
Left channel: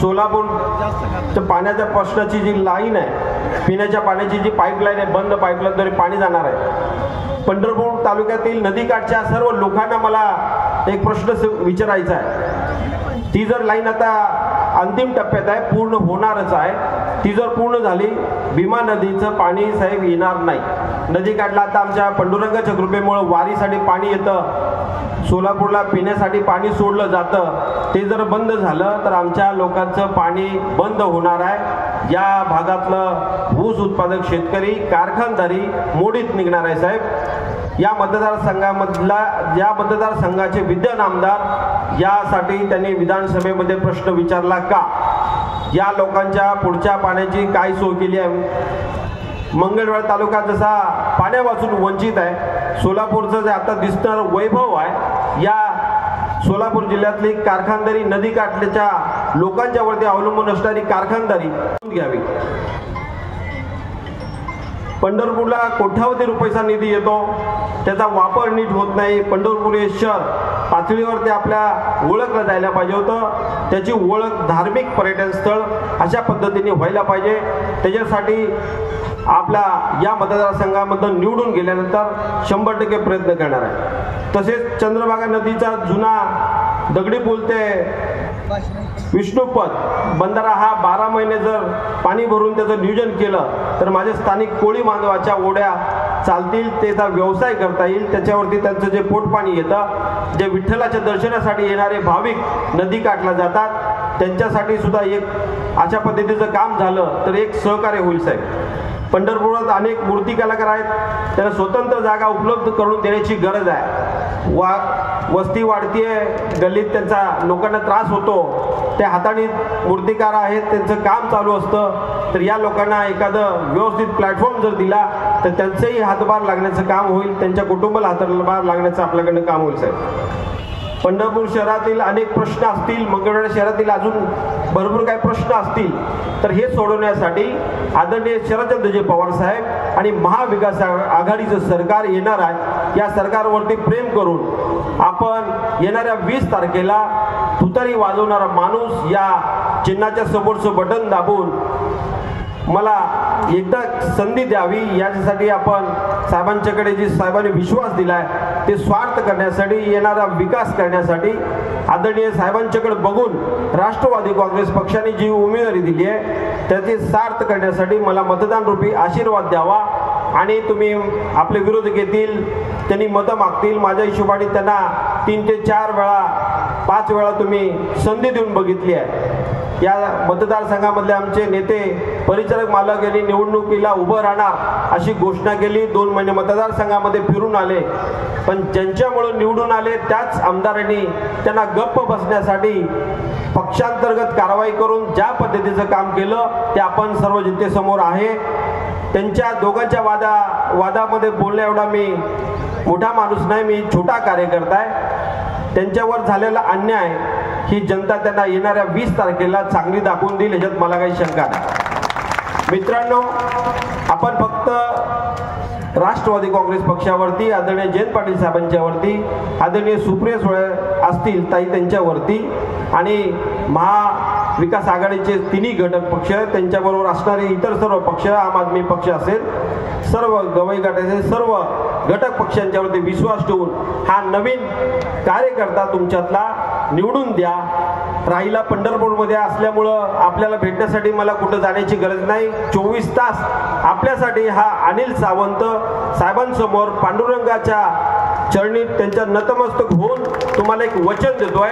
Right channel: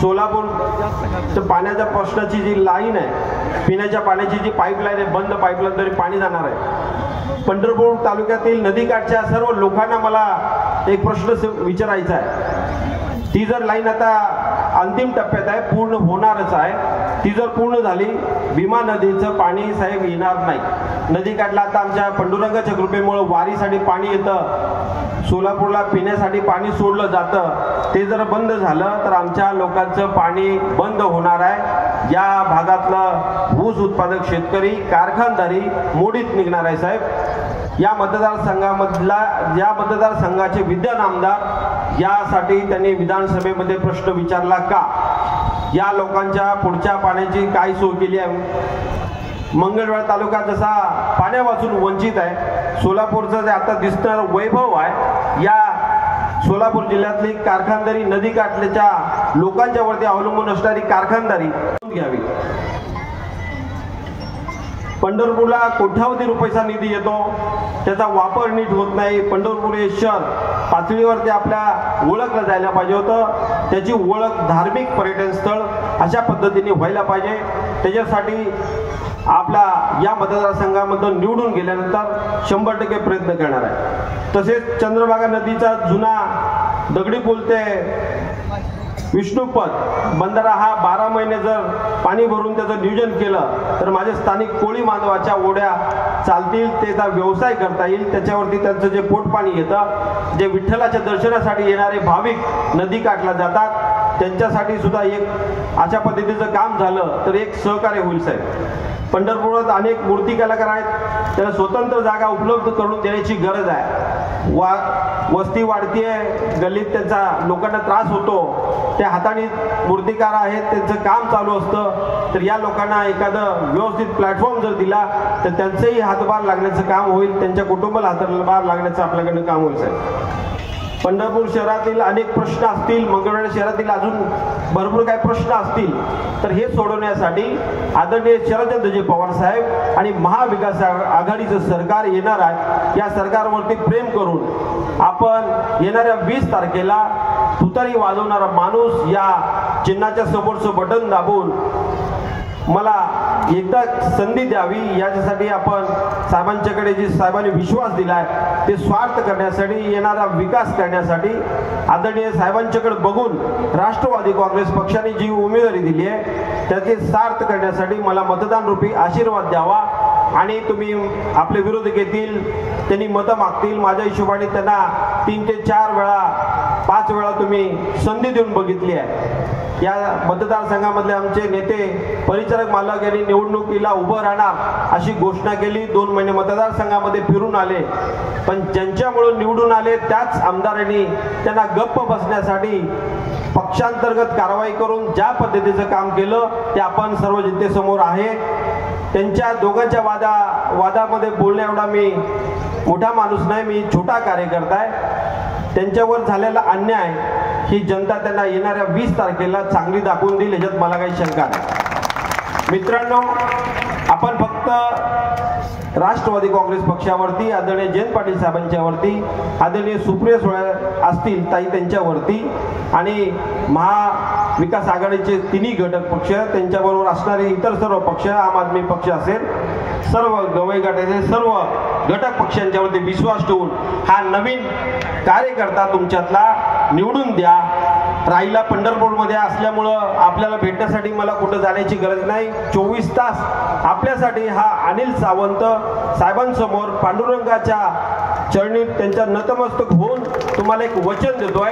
सोलापूर पाण्याच्या प्रश्नाची जी लाईन आहे, पिण्याच्या पाण्याची जी पाईपलाईन आहे, बंद पाईपलाईन तरी पाणी जाणार आहे. पंढरपूर तालुक्यातील नदीकाठच्या सर्व लोकांना मला एक प्रश्न विचारायचा आहे. ती जर लाईन आता अंतिम टप्प्यात आहे, पूर्ण होणारच आहे, ती जर पूर्ण झाली भीमा नदीचं पाणी साहेब येणार नाही. नदीकाठला आता आमच्या पांडुरंगाच्या कृपेमुळे वारीसाठी पाणी येतं, सोलापूरला पिण्यासाठी पाणी सोडलं जातं. ते जर बंद झालं तर आमच्या लोकांचं पाणी बंद होणार आहे. या भागातलं ऊस उत्पादक शेतकरी, कारखानदारी मोडीत निघणार आहे साहेब. या मतदारसंघाचे विद्यमान आमदार यासाठी त्यांनी विधानसभेमध्ये प्रश्न विचारला का? या लोकांच्या पुढच्या पाण्याची काय सोय केली आहे? मंगळवेढा तालुका जसा पाण्यापासून वंचित आहे, सोलापूरचं जे आता दिसणारं वैभव आहे, या सोलापूर जिल्ह्यातली कारखानदारी, नदीकाठच्या लोकांच्या वरती अवलंबून असणारी कारखानदारी घ्यावी. पंढरपूरला कोट्यावधी रुपयाचा निधी येतो, त्याचा वापर नीट होत नाही. पंढरपूर हे शहर पातळीवरती आपल्या ओळखलं जायला पाहिजे होतं. त्याची ओळख धार्मिक पर्यटन स्थळ अशा पद्धतीने व्हायला पाहिजे. त्याच्यासाठी आपल्या या मतदारसंघामधून निवडून गेल्यानंतर 100% प्रयत्न करणार आहे. तसेच चंद्रभागा नदीचा जुना दगडी पूल ते विष्णुपद बंधारा हा 12 महिने जर पाणी भरून त्याचं नियोजन केलं तर माझे स्थानिक कोळी बांधवाच्या ओढ्या चालतील, त्याचा व्यवसाय करता येईल. त्याच्यावरती त्यांचं जे पोटपाणी येतं, जे विठ्ठलाच्या दर्शनासाठी येणारे भाविक नदीकाठला जातात त्यांच्यासाठी सुद्धा एक अशा पद्धतीचं काम झालं तर एक सहकार्य होईल साहेब. पंढरपुरात अनेक मूर्ती कलाकार आहेत, त्याला स्वतंत्र जागा उपलब्ध करून देण्याची गरज आहे. वस्ती वाढतीये, गल्लीत त्यांचा लोकांना त्रास होतो, त्या हाताने मूर्तिकार आहेत, त्यांचं काम चालू असतं, तर या लोकांना एखादं व्यवस्थित प्लॅटफॉर्म जर दिला तर त्यांचंही हातभार लागण्याचं काम होईल, त्यांच्या कुटुंबाला हातभार लागण्याचं आपल्याकडनं काम होईल साहेब. पंढरपूर शहरातील अनेक प्रश्न असतील, मंगळवेढा शहरातील अजून भरपूर काही प्रश्न असतील, तर हे सोडवण्यासाठी आदरणीय शरदचंद्रजी पवार साहेब आणि महाविकास आघाडीचं सरकार येणार आहे. या सरकारवरती प्रेम करून आपण येणाऱ्या 20 तारखेला तुतारी वाजवणारा माणूस या चिन्हाच्या समोरचं बटन दाबून मला एकदा संधी द्यावी, याच्यासाठी आपण साहेबांच्याकडे जी साहेबांनी विश्वास दिलाय ते स्वार्थ करण्यासाठी, येणारा विकास करण्यासाठी, आदरणीय साहेबांच्याकडे बघून राष्ट्रवादी काँग्रेस पक्षाने जी उमेदवारी दिली आहे त्याचे सार्थ करण्यासाठी मला मतदान रूपी आशीर्वाद द्यावा. आणि तुम्ही आपले विरोधक येतील, त्यांनी मतं मागतील, माझ्या हिशोबाने त्यांना 3 ते 4 वेळा 5 वेळा तुम्ही संधी देऊन बघितली आहे. या मतदारसंघामधले आमचे नेते परिचारक मालक यांनी निवडणुकीला उभं राहणार अशी घोषणा केली, 2 महिने मतदारसंघामध्ये फिरून आले, पण ज्यांच्यामुळे निवडून आले त्याच आमदारांनी त्यांना गप्प बसण्यासाठी पक्षांतर्गत कारवाई करून ज्या पद्धतीचं काम केलं ते आपण सर्व जनतेसमोर आहे. त्यांच्या दोघांच्या वादामध्ये बोलण्या एवढा मी मोठा माणूस नाही, मी छोटा कार्यकर्ता आहे. त्यांच्यावर झालेला अन्याय ही जनता त्यांना येणाऱ्या 20 तारखेला चांगली दाखवून देईल, ह्याच्यात मला काही शंका नाही. मित्रांनो, आपण फक्त राष्ट्रवादी काँग्रेस पक्षावरती, आदरणीय जयंत पाटील साहेबांच्यावरती, आदरणीय सुप्रिया सुळे असतील ताई त्यांच्यावरती, आणि महाविकास आघाडीचे 3 घटक पक्ष, त्यांच्याबरोबर असणारे इतर सर्व पक्ष, आम आदमी पक्ष असेल, सर्व गवई गटाचे सर्व घटक पक्षांच्यावरती विश्वास ठेवून हा नवीन कार्यकर्ता तुमच्यातला निवडून द्या. राहिला पंढरपूरमध्ये असल्यामुळं आपल्याला भेटण्यासाठी मला कुठं जाण्याची गरज नाही. 24 तास आपल्यासाठी हा अनिल सावंत साहेबांसमोर पांडुरंगाच्या चरणी त्यांच्या नतमस्तक होऊन तुम्हाला एक वचन देतोय,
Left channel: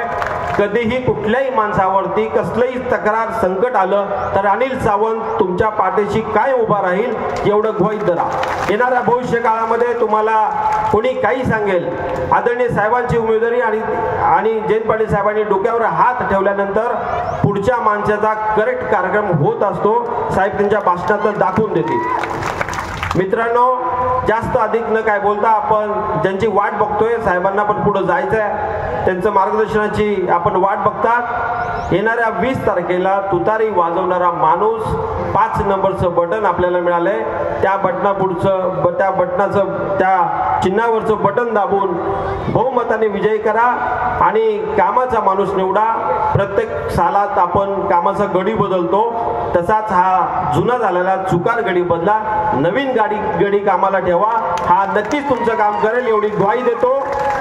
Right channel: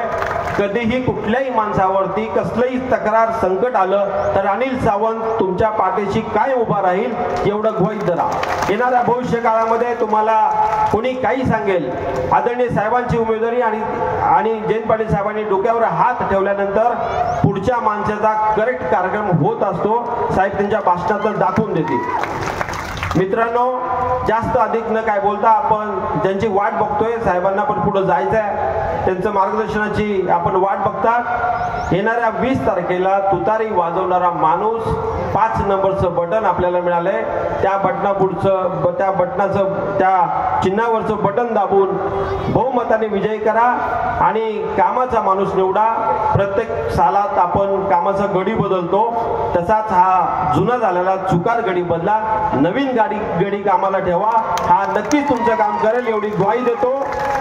कधीही कुठल्याही माणसावरती कसलंही तक्रार संकट आलं तर अनिल सावंत तुमच्या पाठीशी काय उभा राहील एवढं गृहीत धरा. येणाऱ्या भविष्य काळामध्ये तुम्हाला कोणी काही सांगेल, आदरणीय साहेबांची उमेदवारी आणि जयंत पाटील साहेबांनी डोक्यावर हात ठेवल्यानंतर पुढच्या माणसाचा करेक्ट कार्यक्रम होत असतो. साहेब त्यांच्या भाषणात दाखवून देतील. मित्रांनो, जास्त अधिक न काय बोलता आपण ज्यांची वाट बघतोय, साहेबांना पण पुढे जायचं आहे, त्यांचं मार्गदर्शनाची आपण वाट बघता. येणाऱ्या 20 तारखेला तुतारी वाजवणारा माणूस 5 नंबरचं बटन आपल्याला मिळालंय, त्या चिन्हावरचं बटन दाबून बहुमताने विजय करा आणि कामाचा माणूस निवडा. प्रत्येक सालात आपण कामाचा गडी बदलतो, तसाच हा जुना झालेला चुकार गडी बदला, नवीन गडी कामाला ठेवा. हा नक्कीच तुमचं काम करेल एवढी ग्वाही देतो.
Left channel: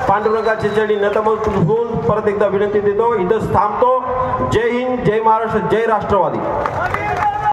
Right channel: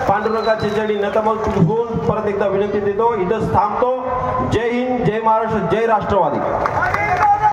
पांडुरंगाच्या चरणी नतमस्तक होऊन परत एकदा विनंती देतो, इथंच थांबतो. जय हिंद, जय महाराष्ट्र, जय राष्ट्रवादी.